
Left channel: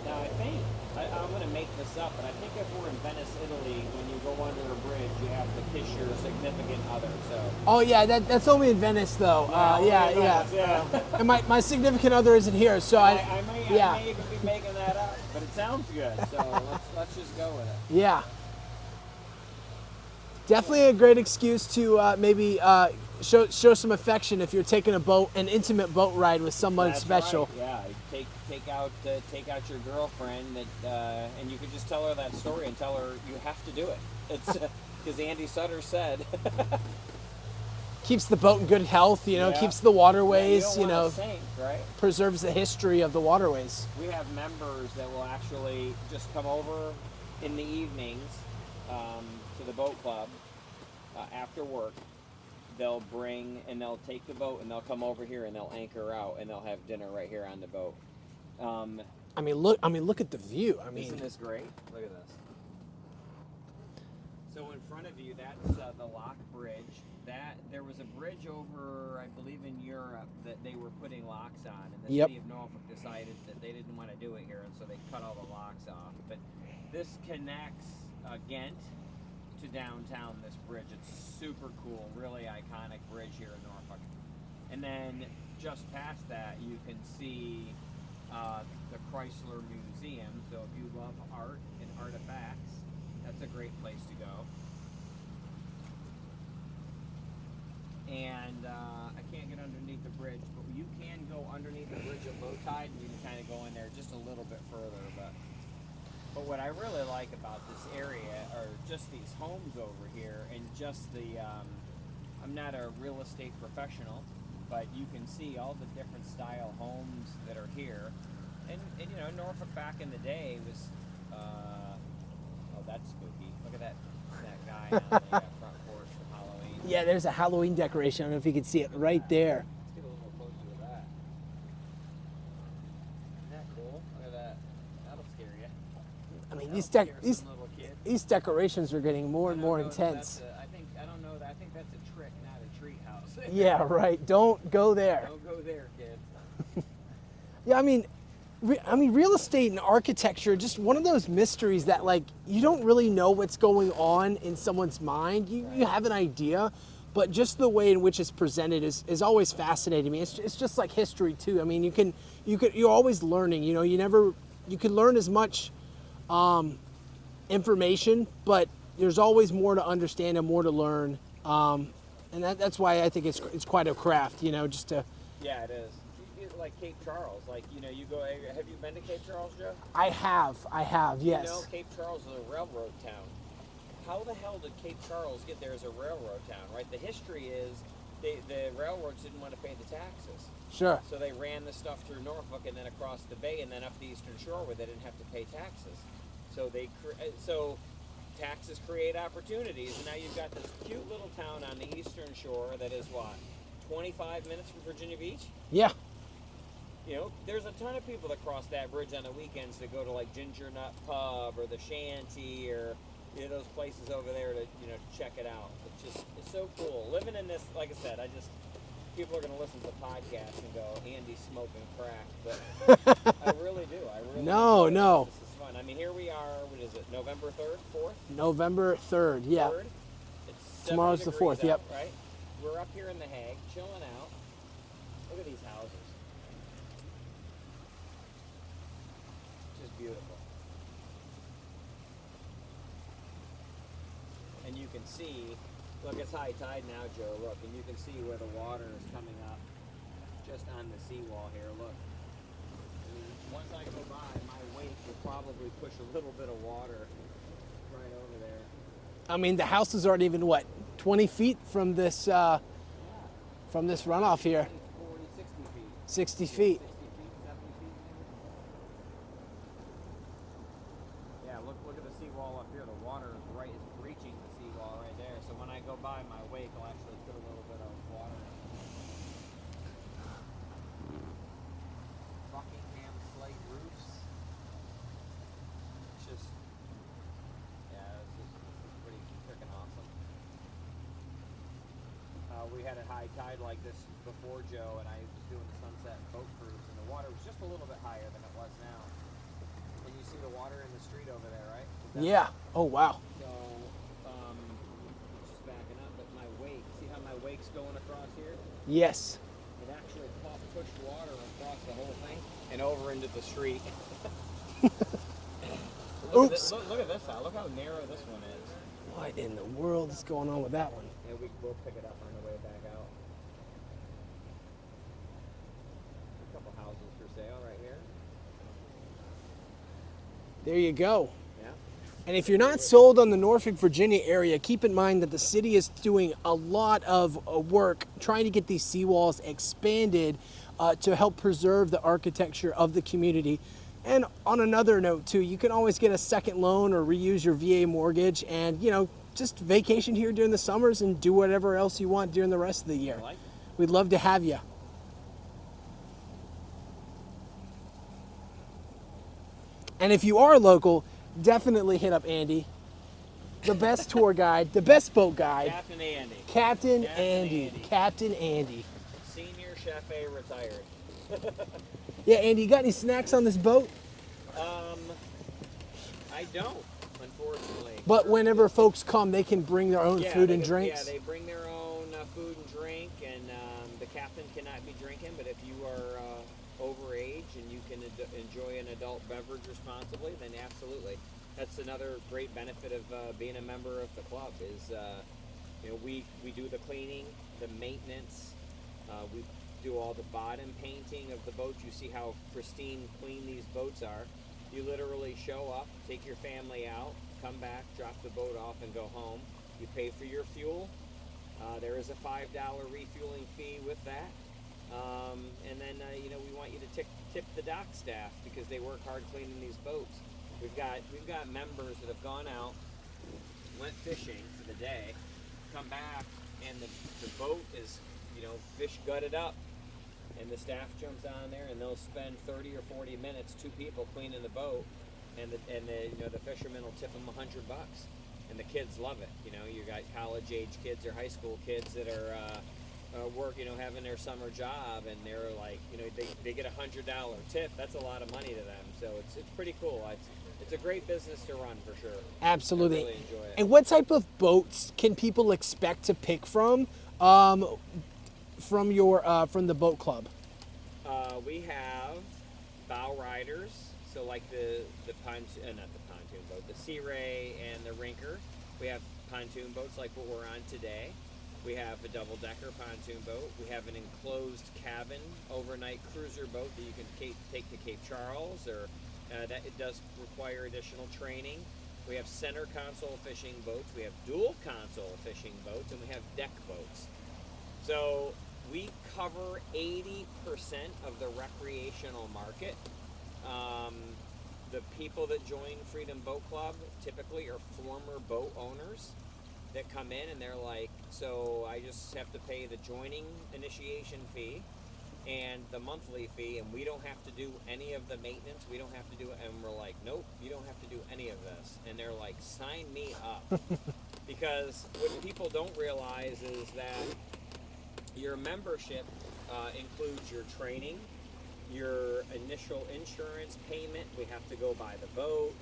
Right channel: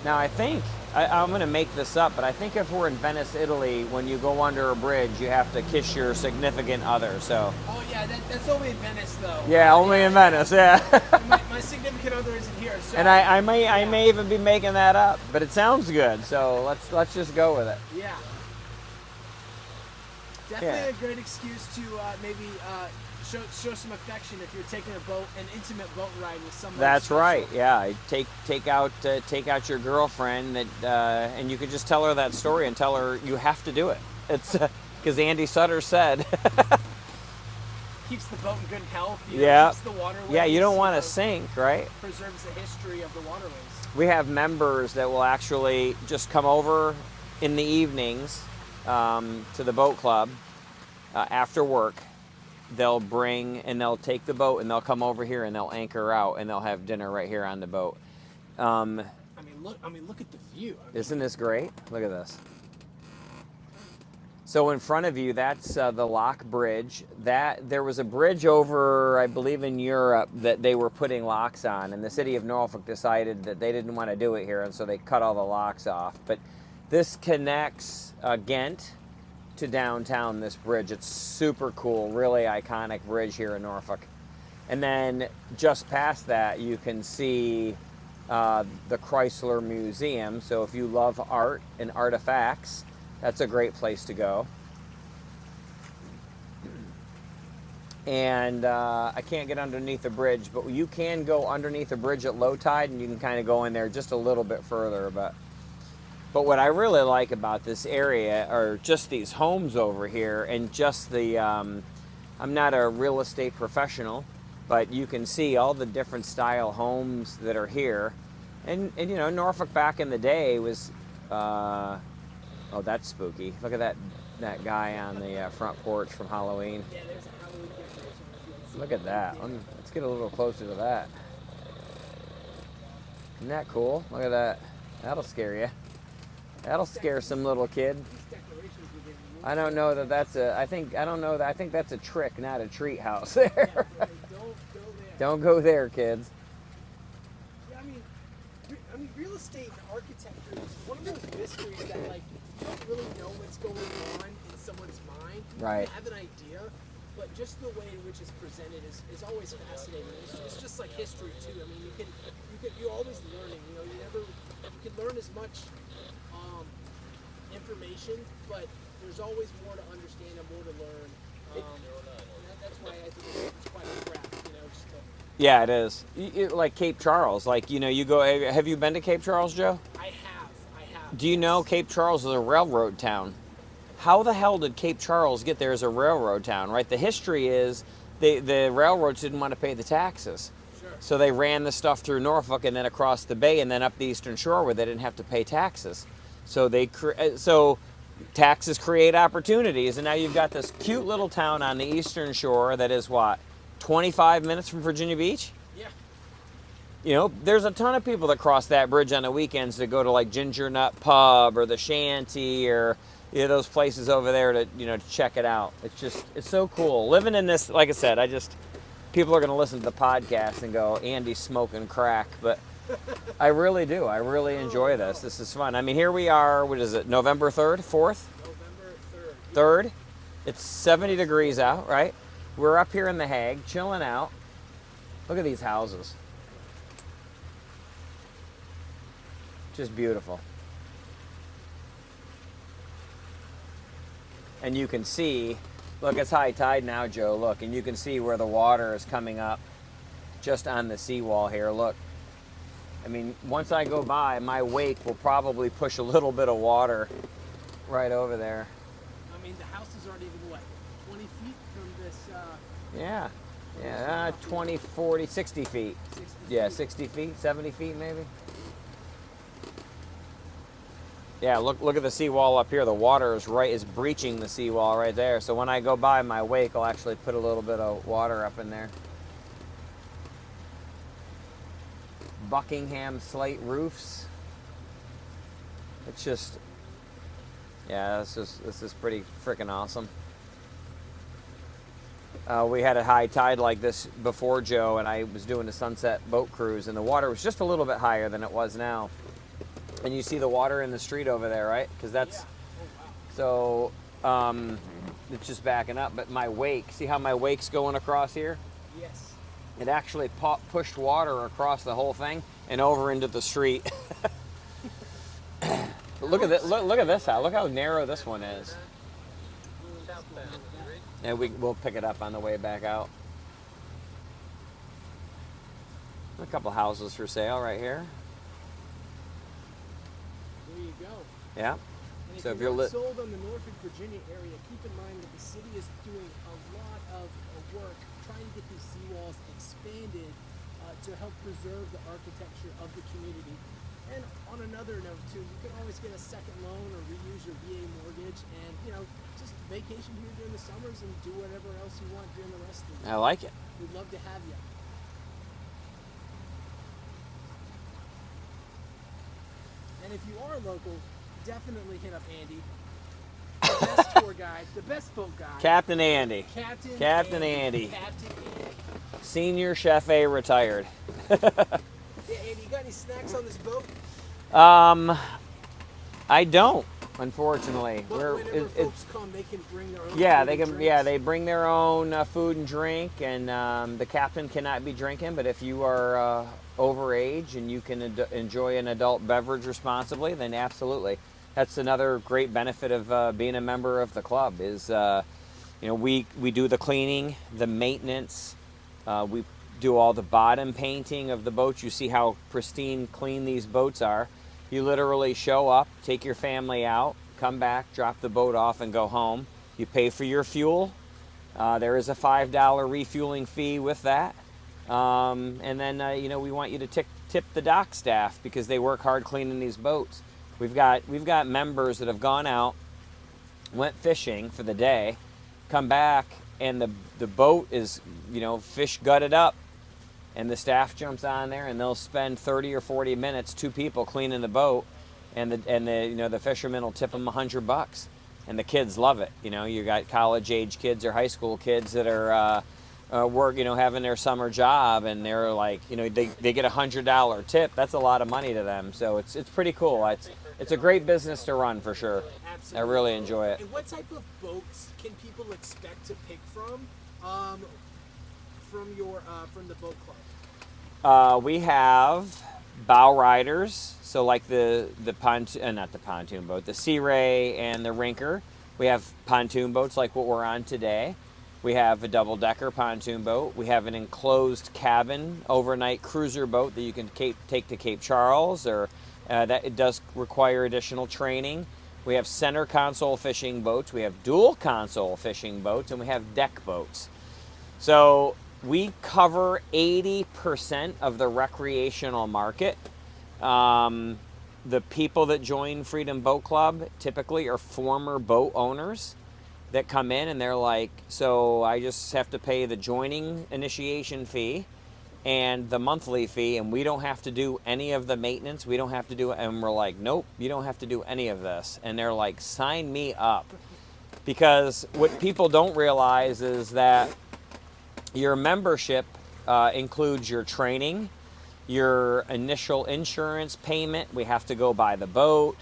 now I think, I'm going to make this up, but I think if we're in Venice, Italy, when you go under a bridge, you have to kiss your significant other, so. Oh yeah, that's only in Venice though. Yeah, only in Venice, yeah. And my significant other isn't here, so. And I may even be making that up, but it sounds good, so let's just go with it. Yeah. Definitely a great excuse to maybe show some affection if you're taking an intimate boat ride with someone That's special. right. Yeah, take out your girlfriend and you could just tell her that story and tell her you have to do it. It's because Andy Sutter said. Keeps the boat in good health, Yeah. keeps the waterways. Yeah, you don't want to sink, right? Preserves the history of the waterways. We have members that will actually just come over in the evenings to the boat club after work. They'll take the boat and they'll come over here and they'll anchor out and they'll have dinner right here on the boat. Look at the view. Isn't this great? Look at this. So in front of you, that's the Lock Bridge. There was a bridge over, I believe, in Europe that they were putting locks on, and the city of Norfolk decided that they didn't want to do it here, and so they cut all the locks off. But this connects Ghent to downtown, this bridge. It's super cool, really iconic bridge here in Norfolk. And then just past that, you can see the Chrysler Museum. So if you love art and artifacts, that's a great place to go. And I can't get underneath the bridge, but you can go underneath the bridge at low tide, and you can kind of go in there just a little bit further. But what I really like about this area are just these homes over here, and just I'm not a real estate professional, but you can see all the different style homes that are here. And Norfolk back in the day was, oh, that's spooky. Look at that guy on the front porch from Halloween. Yeah, there's a Halloween decoration. I don't know if you can see it right that. there. Let's get a little closer to that. Isn't that cool? Look at that. That'll scare you. That'll scare some little kid. These decorations are getting more and more know intense. I think that's a trick, not a treat house. Yeah, right. Don't go there. Don't go there, kids. Yeah, I mean, real estate and architecture, just one of those mysteries that, like, you don't really know what's going on in someone's mind. You have an idea, but just the way in which it's presented is always fascinating me. It's just like history too. I mean, you're always learning. You can learn as much information, but there's always more to understand and more to learn. And that's why I think it's quite a craft. Just to. Yeah, it is. Like Cape Charles, you go. Have you been to Cape Charles, Joe? I have. Do you know Cape Charles is a railroad town? How the hell did Cape Charles get there as a railroad town, right? The history is the railroads didn't want to pay the taxes. Sure. So they ran the stuff through Norfolk and then across the bay and then up the Eastern Shore where they didn't have to pay taxes. So taxes create opportunities, and now you've got this cute little town on the Eastern Shore that is what, 25 minutes from Virginia Beach? Yeah. You know, there's a ton of people that cross that bridge on the weekends to go to like Ginger Nut Pub or the Shanty or those places over there to to check it out. It's so cool living in this. Like I said, people are going to listen to the podcast and go, Andy's smoking crack, but I really do. I really enjoy this. This is fun. I mean, here we are. What is it? November 3rd, 4th? November 3rd. Yeah. 3rd. It's 70 Tomorrow's the degrees 4th, out, yeah. right? We're up here in the Hague, chilling out. Look at these houses. Just beautiful. And you can see, look, it's high tide now, Joe, look, and you can see where the water is coming up just on the seawall here, look. I mean, once I go by, my wake will probably push a little bit of water right over there. I mean, the houses aren't even, what, 20 feet from this Yeah. this runoff here? 20, 40, 60 feet. 60 feet. Yeah, 60 feet, 70 feet maybe. Yeah, look at the seawall up here. The water is breaching the seawall right there. So when I go by, my wake will actually put a little bit of water up in there. Buckingham slate roofs. It's just, yeah, this is pretty freaking awesome. We had a high tide like this before, Joe, and I was doing a sunset boat cruise, and the water was just a little bit higher than it was now. And you see the water in the street over there, right? Because that's Yeah. Oh, wow. So it's just backing up. But my wake, see how my wake's going across here? Yes. It actually pushed water across the whole thing and over into the street. Look at this! Look at this house. Look how narrow this one is. What in the world is going on with that? And we'll pick it up on the way back out. A couple houses for sale right here. There you go. Yeah. And if So you're not sold on the Norfolk, Virginia area, keep in mind that the city is doing a lot of work trying to get these seawalls expanded to help preserve the architecture of the community. And on another note too, you can always get a second loan or reuse your VA mortgage and, just vacation here during the summers and do whatever else you want during the rest of the year. I like it. We'd love to have you. And if you are local, definitely hit up Andy, the best tour guide, the best boat guide. Captain Andy. Captain Andy. Captain Andy. Senior Chef A retired. Yeah, Andy, you got any snacks on this boat? I don't, unfortunately. But whenever folks come, they can bring their own food they and can, drinks. Yeah, they bring their own food and drink, and the captain cannot be drinking. But if you are overage and you can enjoy an adult beverage responsibly, then absolutely. That's another great benefit of being a member of the club is, we do the cleaning, the maintenance, we do all the bottom painting of the boats. You see how pristine clean these boats are. You literally show up, take your family out, come back, drop the boat off, and go home. You pay for your fuel. There is a $5 refueling fee with that. And then, we want you to tip the dock staff because they work hard cleaning these boats. We've got members that have gone out, went fishing for the day, come back, and the boat is, fish gutted up, and the staff jumps on there, and they'll spend 30 or 40 minutes, two people cleaning the boat, and the fishermen will tip them $100, and the kids love it. You got college age kids or high school kids that are having their summer job, and they're like, they get $100 tip. That's a lot of money to them. So it's pretty cool. It's a great business to run for sure. Absolutely. I really enjoy it. And what type of boats can people expect to pick from the boat club? We have bow riders, so like the pontoon, not the pontoon boat, the Sea Ray and the Rinker. We have pontoon boats like what we're on today. We have a double-decker pontoon boat. We have an enclosed cabin overnight cruiser boat that you can take to Cape Charles, or that it does require additional training. We have center console fishing boats. We have dual console fishing boats, and we have deck boats. So we cover 80% of the recreational market. The people that join Freedom Boat Club typically are former boat owners that come in and they're like, so I just have to pay the joining initiation fee, and the monthly fee, and we don't have to do any of the maintenance. We don't have to do it. And we're like, nope, you don't have to do any of this. And they're like, sign me up. Because what people don't realize is that your membership includes your training, your initial insurance payment. We have to go buy the boat.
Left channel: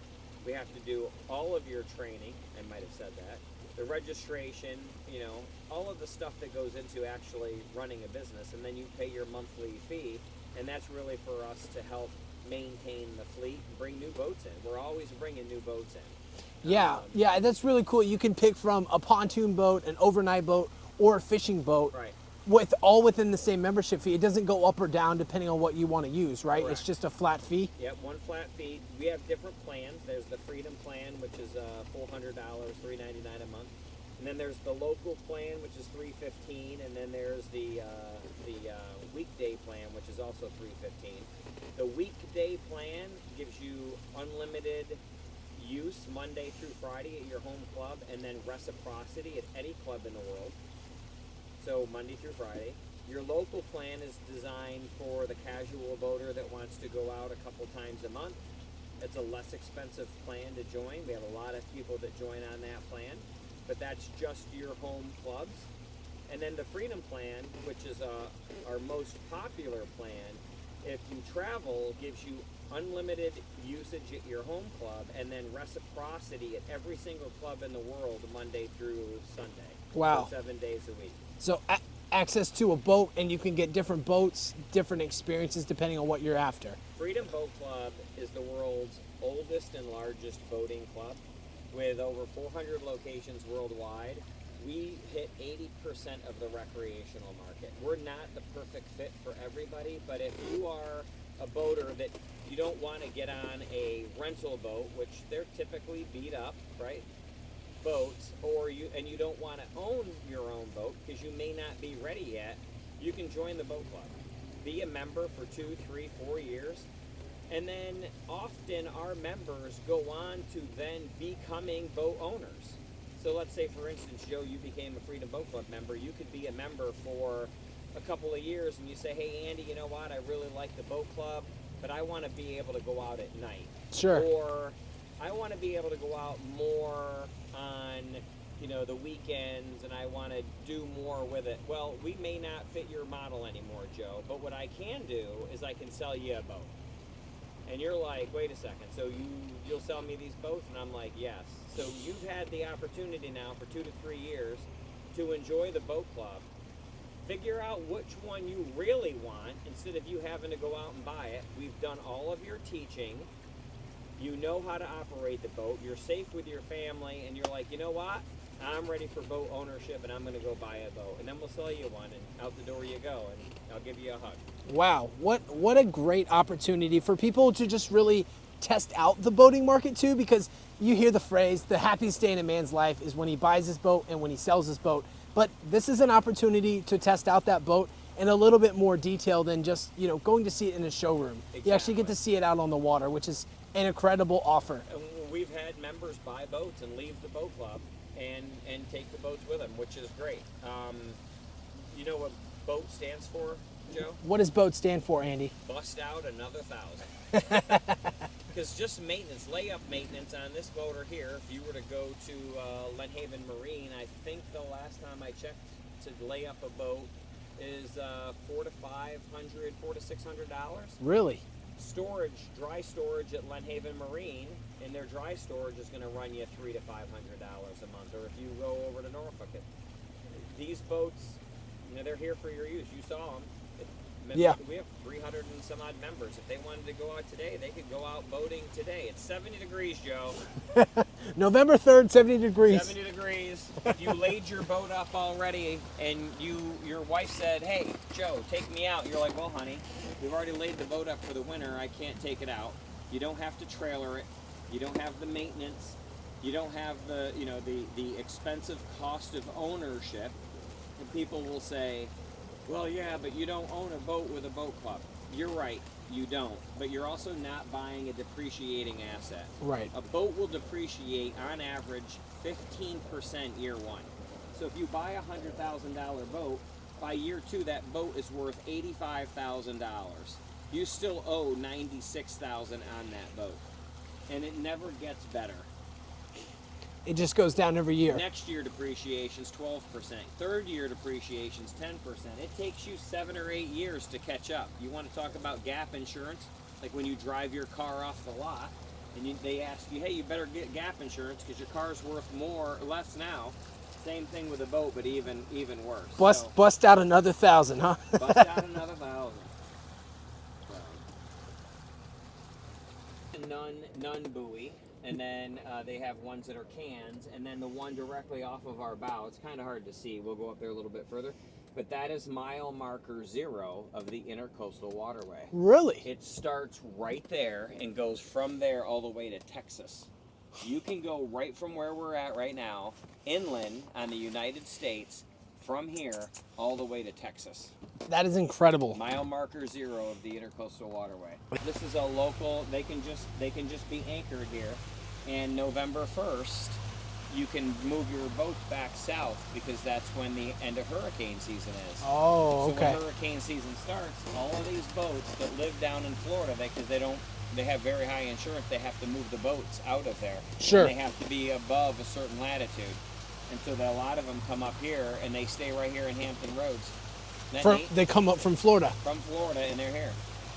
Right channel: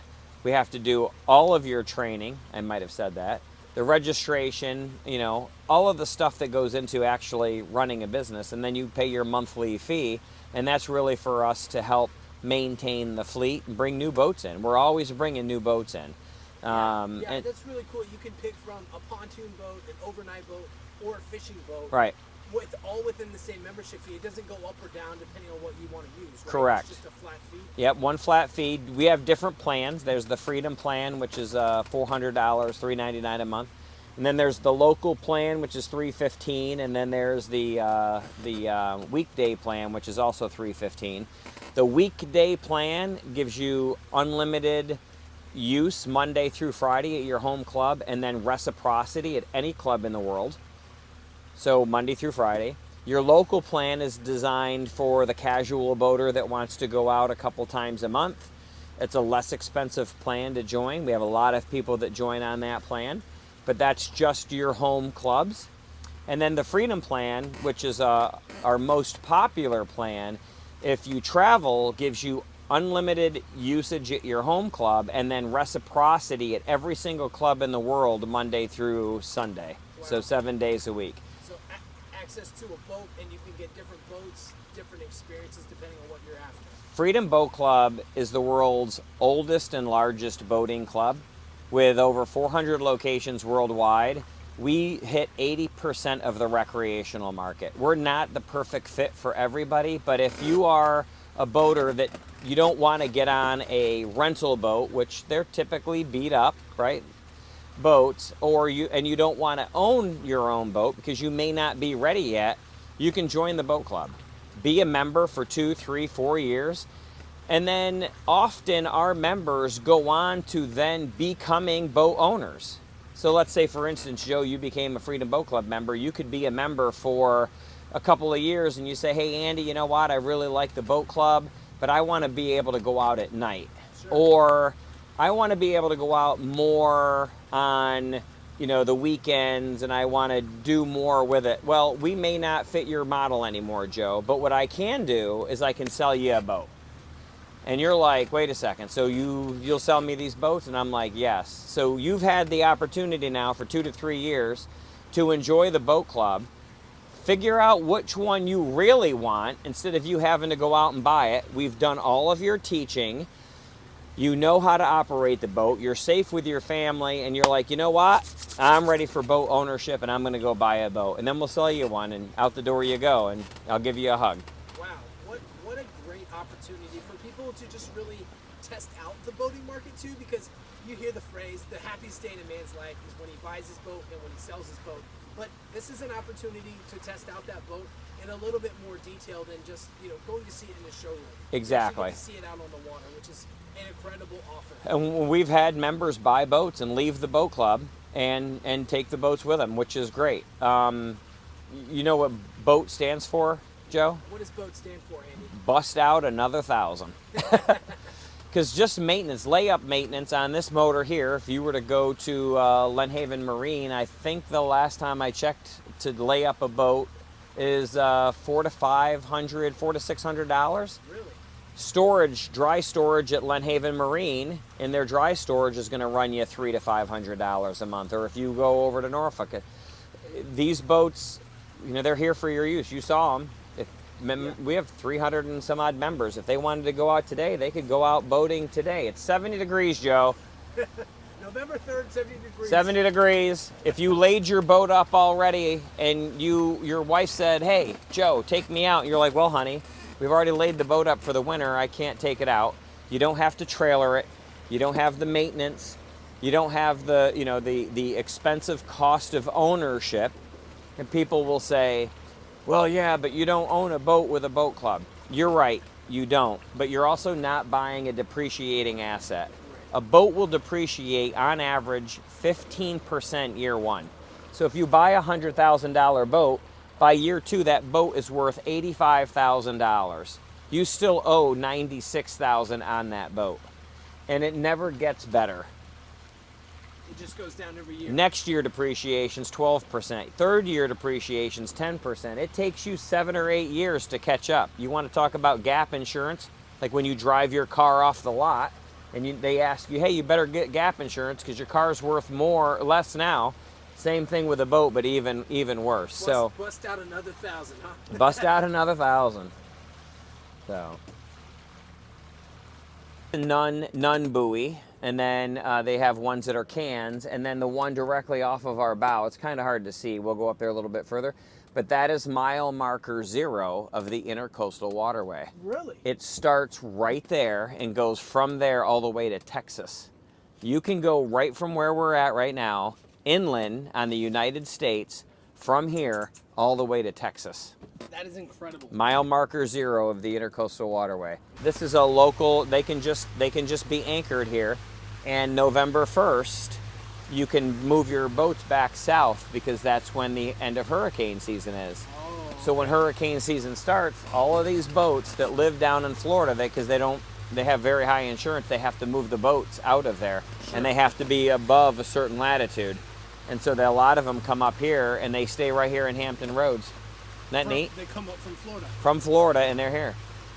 We have to do all of your training. I might have said that. The registration, you know, all of the stuff that goes into actually running a business. And then you pay your monthly fee. And that's really for us to help maintain the fleet and bring new boats in. We're always bringing new boats in. Yeah, that's really cool. You can pick from a pontoon boat, an overnight boat, or a fishing boat. Right. With all within the same membership fee. It doesn't go up or down depending on what you want to use, right? Correct. It's just a flat fee. Yep, one flat fee. We have different plans. There's the Freedom Plan, which is $400, $399 a month. And then there's the local plan, which is $315, and then there's the weekday plan, which is also $315. The weekday plan gives you unlimited use Monday through Friday at your home club, and then reciprocity at any club in the world. So Monday through Friday. Your local plan is designed for the casual boater that wants to go out a couple times a month. It's a less expensive plan to join. We have a lot of people that join on that plan, but that's just your home clubs. And then the Freedom Plan, which is our most popular plan, if you travel, gives you unlimited usage at your home club, and then reciprocity at every single club in the world Monday through Sunday. Wow. So 7 days a week. So access to a boat, and you can get different boats, different experiences depending on what you're after. Freedom Boat Club is the world's oldest and largest boating club with over 400 locations worldwide. We hit 80% of the recreational market. We're not the perfect fit for everybody, but if you are a boater that you don't want to get on a rental boat, which they're typically beat up, right? Boats, or you don't want to own your own boat because you may not be ready yet, you can join the boat club. Be a member for 2, 3, 4 years. And then often our members go on to then becoming boat owners. So let's say, for instance, Joe, you became a Freedom Boat Club member. You could be a member for a couple of years and you say, hey, Andy, you know what? I really like the boat club, but I want to be able to go out at night. Sure. Or I want to be able to go out more on, the weekends, and I want to do more with it. Well, we may not fit your model anymore, Joe, but what I can do is I can sell you a boat. And you're like, wait a second, so you'll sell me these boats? And I'm like, yes. So you've had the opportunity now for 2 to 3 years to enjoy the boat club, figure out which one you really want instead of you having to go out and buy it. We've done all of your teaching. You know how to operate the boat. You're safe with your family, and you're like, you know what? I'm ready for boat ownership, and I'm going to go buy a boat. And then we'll sell you one, and out the door you go, and I'll give you a hug. Wow, what a great opportunity for people to just really test out the boating market too, because you hear the phrase, the happiest day in a man's life is when he buys his boat and when he sells his boat. But this is an opportunity to test out that boat in a little bit more detail than just, going to see it in a showroom. Exactly. You actually get to see it out on the water, which is an incredible offer. And we've had members buy boats and leave the boat club and take the boats with them, which is great. You know what BOAT stands for, Joe? What does BOAT stand for, Andy? Bust out another 1,000. Because just maintenance, layup maintenance on this motor here, if you were to go to Lenhaven Marine, I think the last time I checked to lay up a boat is $400 to $600. Really? Storage, dry storage at Lenhaven Marine, and their dry storage is going to run you $300 to $500 a month. Or if you go over to Norfolk, these boats, they're here for your use. You saw them. We have 300 and some odd members. If they wanted to go out today, they could go out boating today. It's 70 degrees, Joe. November 3rd, 70 degrees. 70 degrees. If you laid your boat up already and your wife said, hey, Joe, take me out. You're like, well, honey, we've already laid the boat up for the winter. I can't take it out. You don't have to trailer it. You don't have the maintenance. You don't have the expensive cost of ownership. And people will say, well, yeah, but you don't own a boat with a boat club. You're right, you don't. But you're also not buying a depreciating asset. Right. A boat will depreciate on average 15% year one. So if you buy a $100,000 boat, By year 2, that boat is worth $85,000. You still owe $96,000 on that boat, and it never gets better. It just goes down every year. Next year depreciation's 12%. Third year depreciation's 10%. It takes you 7 or 8 years to catch up. You want to talk about gap insurance? Like when you drive your car off the lot and they ask you, hey, you better get gap insurance because your car's worth more or less now. Same thing with a boat, but even worse. Bust out another 1,000, huh? Bust out another 1,000. So none buoy. And then they have ones that are cans, and then the one directly off of our bow. It's kind of hard to see. We'll go up there a little bit further. But that is mile marker 0 of the Intercoastal Waterway. Really? It starts right there and goes from there all the way to Texas. You can go right from where we're at right now, inland on the United States, from here all the way to Texas. That is incredible. Mile marker 0 of the Intercoastal Waterway. This is a local, they can just be anchored here, and November 1st, you can move your boats back south because that's when the end of hurricane season is. Oh, So when okay. hurricane season starts, all of these boats that live down in Florida, because they have very high insurance, they have to move the boats out of there. Sure. And they have to be above a certain latitude. And so a lot of them come up here and they stay right here in Hampton Roads. Isn't that neat? They come up from Florida. From Florida, and they're here.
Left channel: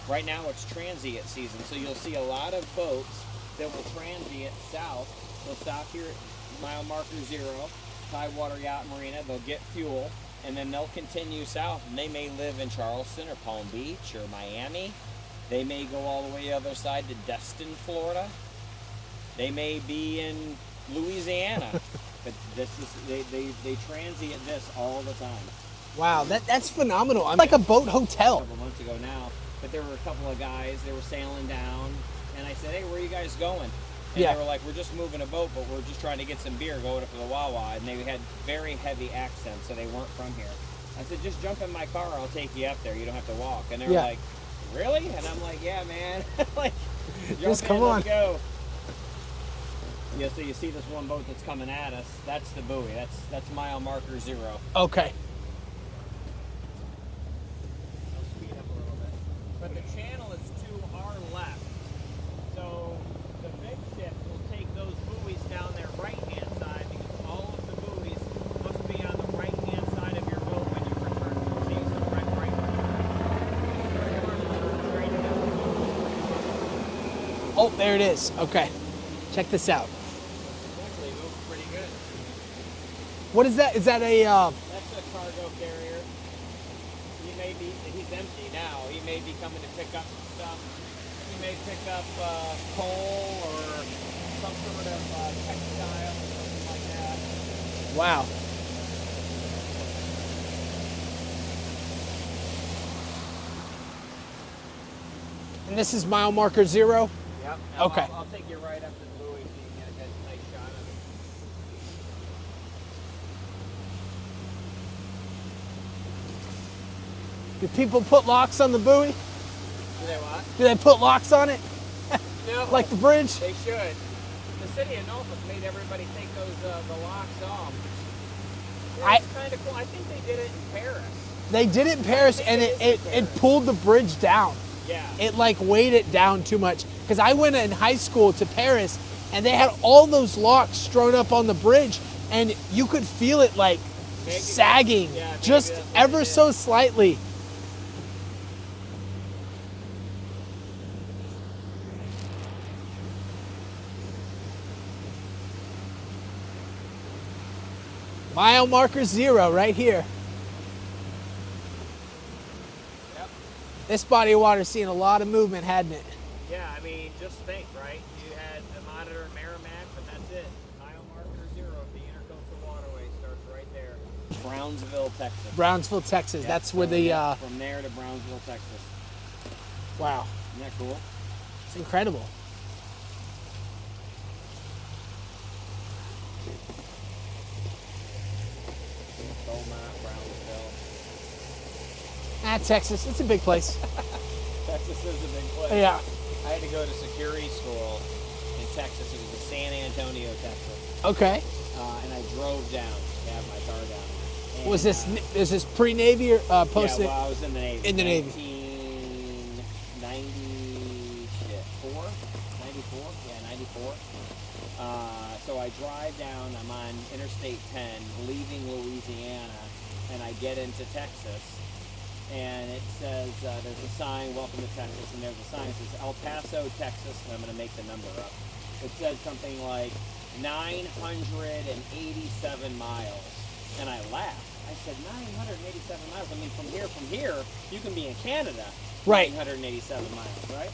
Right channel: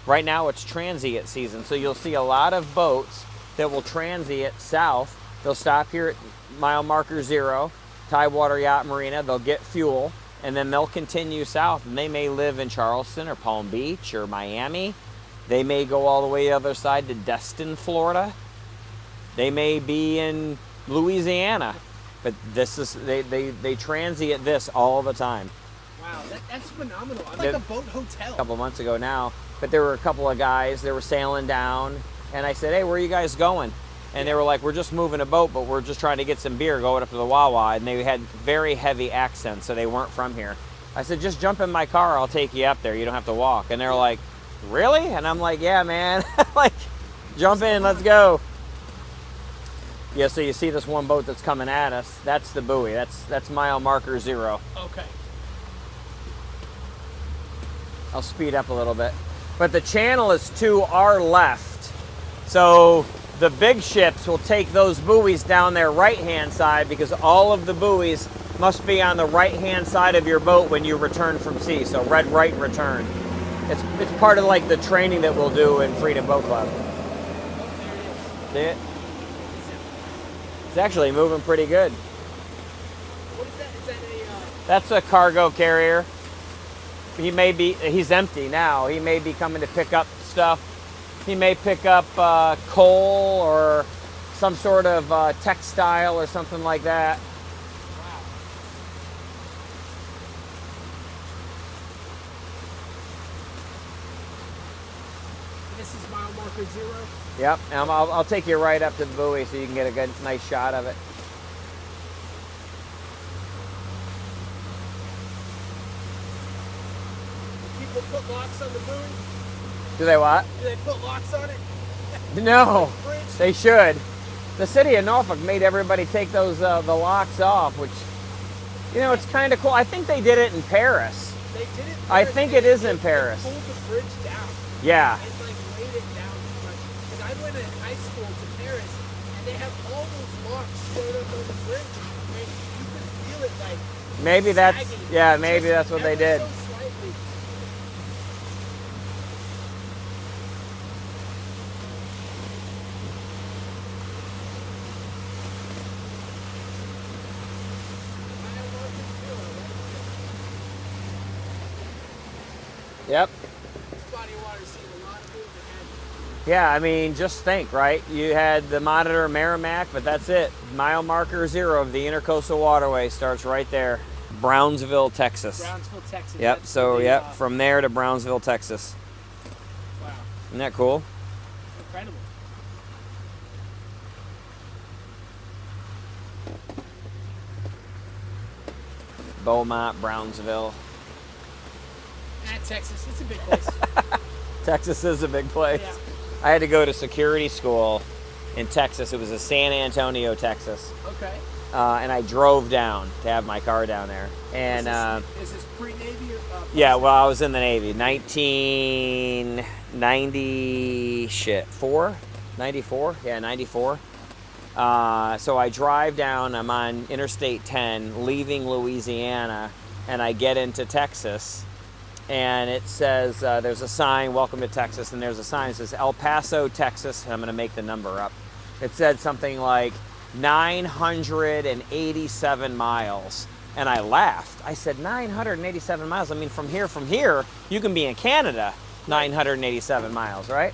Right now it's transient season, so you'll see a lot of boats that will transient south. They'll stop here at mile marker 0, Tidewater Yacht Marina. They'll get fuel, and then they'll continue south, and they may live in Charleston or Palm Beach or Miami. They may go all the way the other side to Destin, Florida. They may be in Louisiana, but this is they transient this all the time. Wow, that's phenomenal. I'm like a boat hotel. A couple months ago now, but there were a couple of guys that were sailing down, and I said, hey, where are you guys going? And they were like, we're just moving a boat, but we're just trying to get some beer going up to the Wawa. And they had very heavy accents, so they weren't from here. I said, just jump in my car, I'll take you up there. You don't have to walk. And they're like, really? And I'm like, yeah, man. Like, jump in, let's go. Yeah, so you see this one boat that's coming at us. That's the buoy. That's mile marker 0. Okay. I'll speed up a little bit. But the channel is to our left. So the big ships will take those buoys down their right-hand side because all of the buoys must be on the right-hand side of your boat when you return from sea. So red right return. It's part of like the training that we'll do in Freedom Boat Club. Oh, there it is. Okay. Check this out. It's actually moving pretty good. What is that? Is that a... That's a cargo carrier. He's empty now. He may be coming to pick up stuff. He may pick up coal or some sort of textile or something like that. Wow. And this is mile marker 0? Yep. And Okay. I'll take you right up to the buoy so you can get a good, nice shot of it. Do people put locks on the buoy? Do they what? Do they put locks on it? No. Like the bridge? They should. The city of Norfolk made everybody take those the locks off, which, it's kind of cool. I think they did it in Paris. They did it in Paris. I think and it is in Paris. It pulled the bridge down. Yeah. It like weighed it down too much. Because I went in high school to Paris, and they had all those locks strewn up on the bridge, and you could feel it like sagging. Maybe just that's what ever they did. so slightly. Mile marker 0 right here. Yep. This body of water's seen a lot of movement, hadn't it? Yeah, I mean, just think, right? You had the Monitor Merrimack, but that's it. Mile marker 0 of the Intercoastal Waterway starts right there. Brownsville, Texas. Brownsville, Texas. Yep. That's So, where the, from there to Brownsville, Texas. Wow. Isn't that cool? It's incredible. Beaumont, Brownsville. Texas, it's a big place. Texas is a big place. Yeah. I had to go to security school in Texas. It was a San Antonio, Texas. Okay. And I drove down to have my car down there. And, Is this pre-Navy or post? yeah, well, I was in the Navy. In the Navy. 1994? 94? Yeah, 94. So I drive down, I'm on Interstate 10, leaving Louisiana, and I get into Texas, and it says, there's a sign, welcome to Texas, and there's a sign that says El Paso, Texas, and I'm gonna make the number up. It said something like 987 miles. And I laughed. I said, 987 miles? I mean, from here, you can be in Canada, Right. 987 miles, right?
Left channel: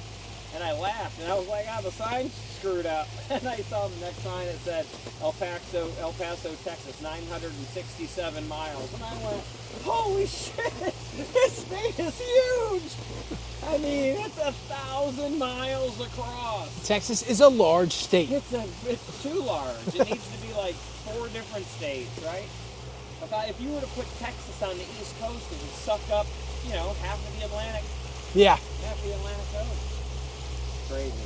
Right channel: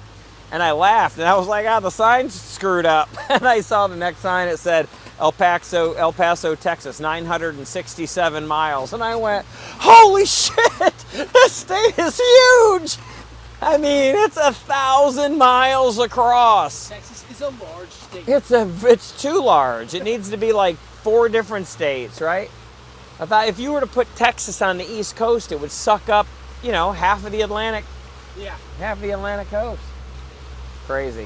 And I laughed, and I was like, the sign's screwed up. And I saw the next sign, it said, El Paso, Texas, 967 miles. And I went, holy shit, this state is huge. I mean, it's 1,000 miles across. Texas is a large state. It's too large. It needs to be like 4 different states, right? I thought if you were to put Texas on the East Coast, it would suck up, half of the Atlantic coast. Crazy.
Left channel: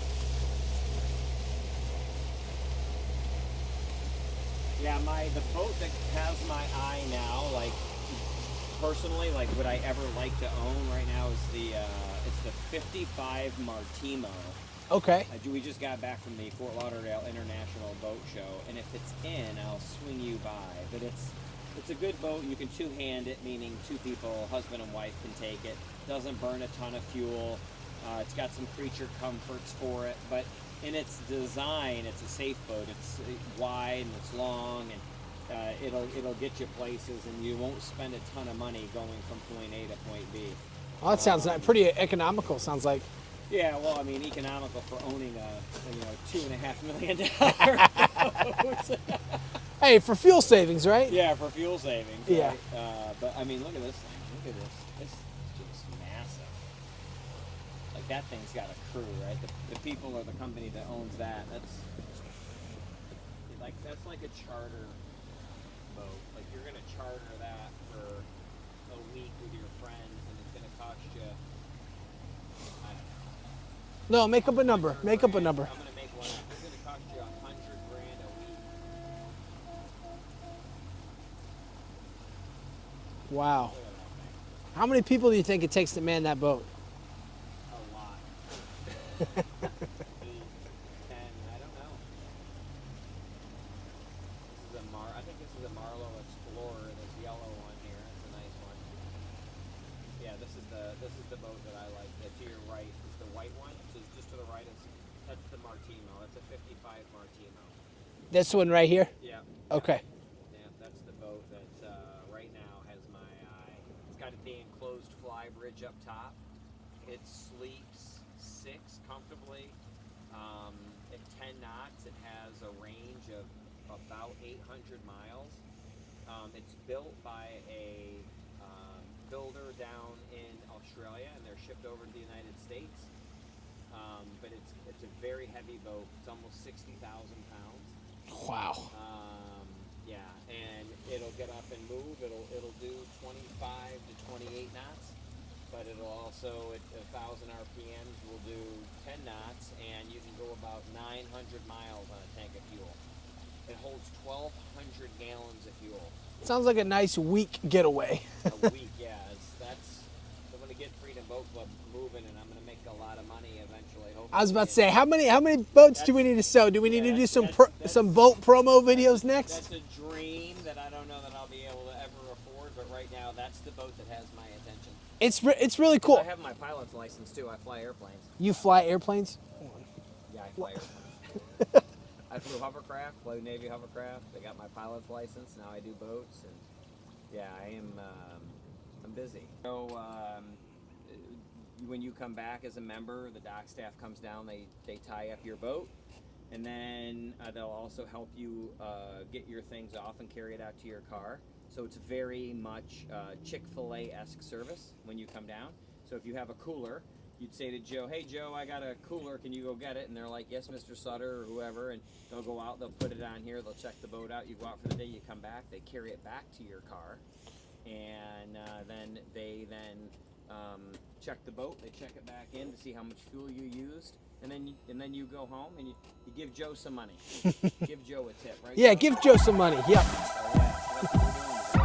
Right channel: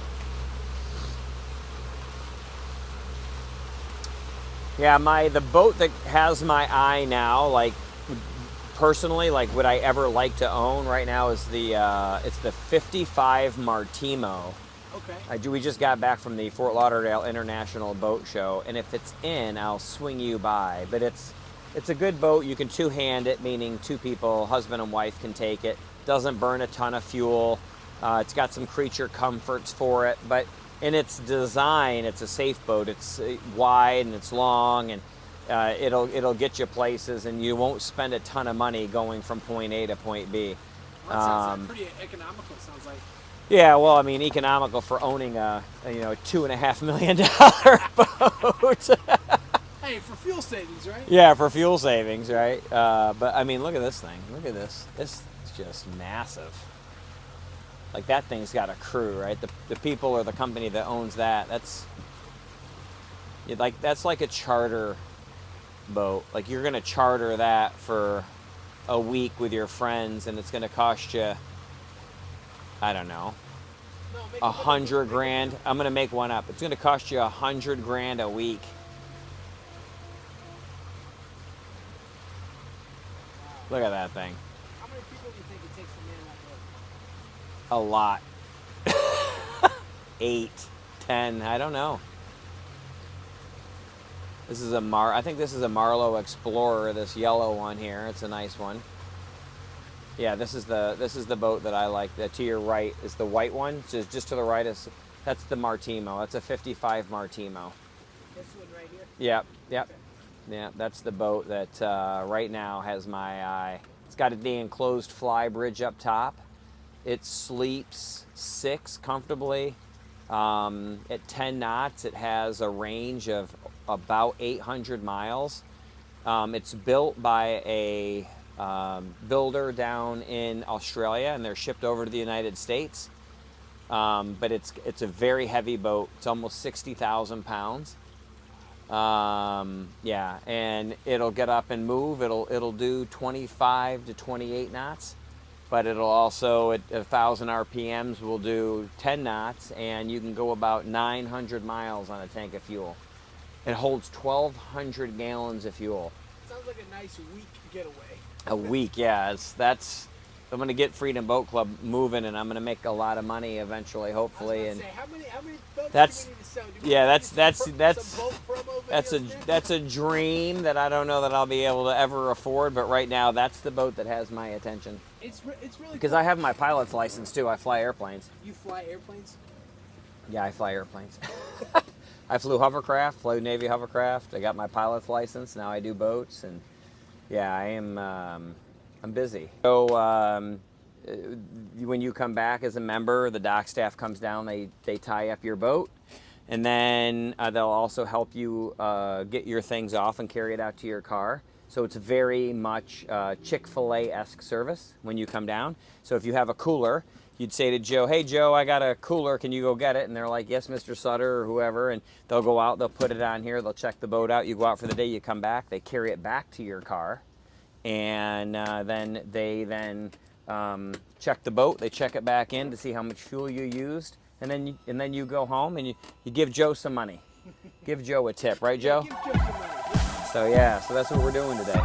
Yeah, the boat that has my eye now, like personally, like would I ever like to own right now is it's the 55 Martimo. Okay. We just got back from the Fort Lauderdale International Boat Show, and if it's in, I'll swing you by. But it's a good boat. You can two-hand it, meaning 2 people, husband and wife, can take it. Doesn't burn a ton of fuel. It's got some creature comforts for it, but in its design, it's a safe boat. It's wide and it's long, and it'll get you places, and you won't spend a ton of money going from point A to point B. Well, that sounds like pretty economical. Sounds like. Yeah, well, I mean, economical for owning a $2.5 million boat. Hey, for fuel savings, right? Yeah, for fuel savings, Yeah. right? But I mean, look at this thing. Look at this. This is just massive. Like that thing's got a crew, right? The people or the company that owns that. That's like a charter boat. Like you're gonna charter that for a week with your friends, and it's gonna cost you, I don't know, No, make up a number. $100 Make grand. up a number. I'm gonna make one up. It's gonna cost you $100 grand a week. Wow. Look at that thing. How many people do you think it takes to man that boat? A lot. 8, 10, I don't know. This is I think this is a Marlowe Explorer, this yellow one here. It's a nice one. Yeah, this is the boat that I like. To your right is the white one. Just to the right that's the Martimo. That's a 55 Martimo. This one right here? Yep. Okay. Yeah, that's the boat that right now has my eye. It's got the enclosed fly bridge up top. It sleeps 6 comfortably. At 10 knots, it has a range of about 800 miles. It's built by a builder down in Australia, and they're shipped over to the United States. But it's a very heavy boat. It's almost 60,000 pounds. Wow. Yeah, and it'll get up and move. It'll do 25 to 28 knots. But it'll also, at 1,000 RPMs, will do 10 knots, and you can go about 900 miles on a tank of fuel. It holds 1,200 gallons of fuel. Sounds like a nice week getaway. A week, yeah. I'm going to get Freedom Boat Club moving, and I'm going to make a lot of money eventually, hopefully. I was about to say, how many boats do we need to sell? Do we need to do some boat promo videos next? That's a dream that I don't know that I'll be able to ever afford, but right now that's the boat that has my attention. It's really cool. Because I have my pilot's license too. I fly airplanes. You fly airplanes? Yeah, I fly airplanes. I flew hovercraft, flew Navy hovercraft. I got my pilot's license. Now I do boats, and yeah, I'm busy. So when you come back as a member, the dock staff comes down, they tie up your boat, and then they'll also help you get your things off and carry it out to your car. So it's very much Chick-fil-A-esque service when you come down. So if you have a cooler, you'd say to Joe, hey Joe, I got a cooler, can you go get it? And they're like, yes, Mr. Sutter, or whoever, and they'll go out, they'll put it on here, they'll check the boat out, you go out for the day, you come back, they carry it back to your car, and then they check the boat, they check it back in to see how much fuel you used, and then you go home and you give Joe some money. Give Joe a tip, right, Yeah, Joe? give Joe some money. Yeah. So that's what we're doing today.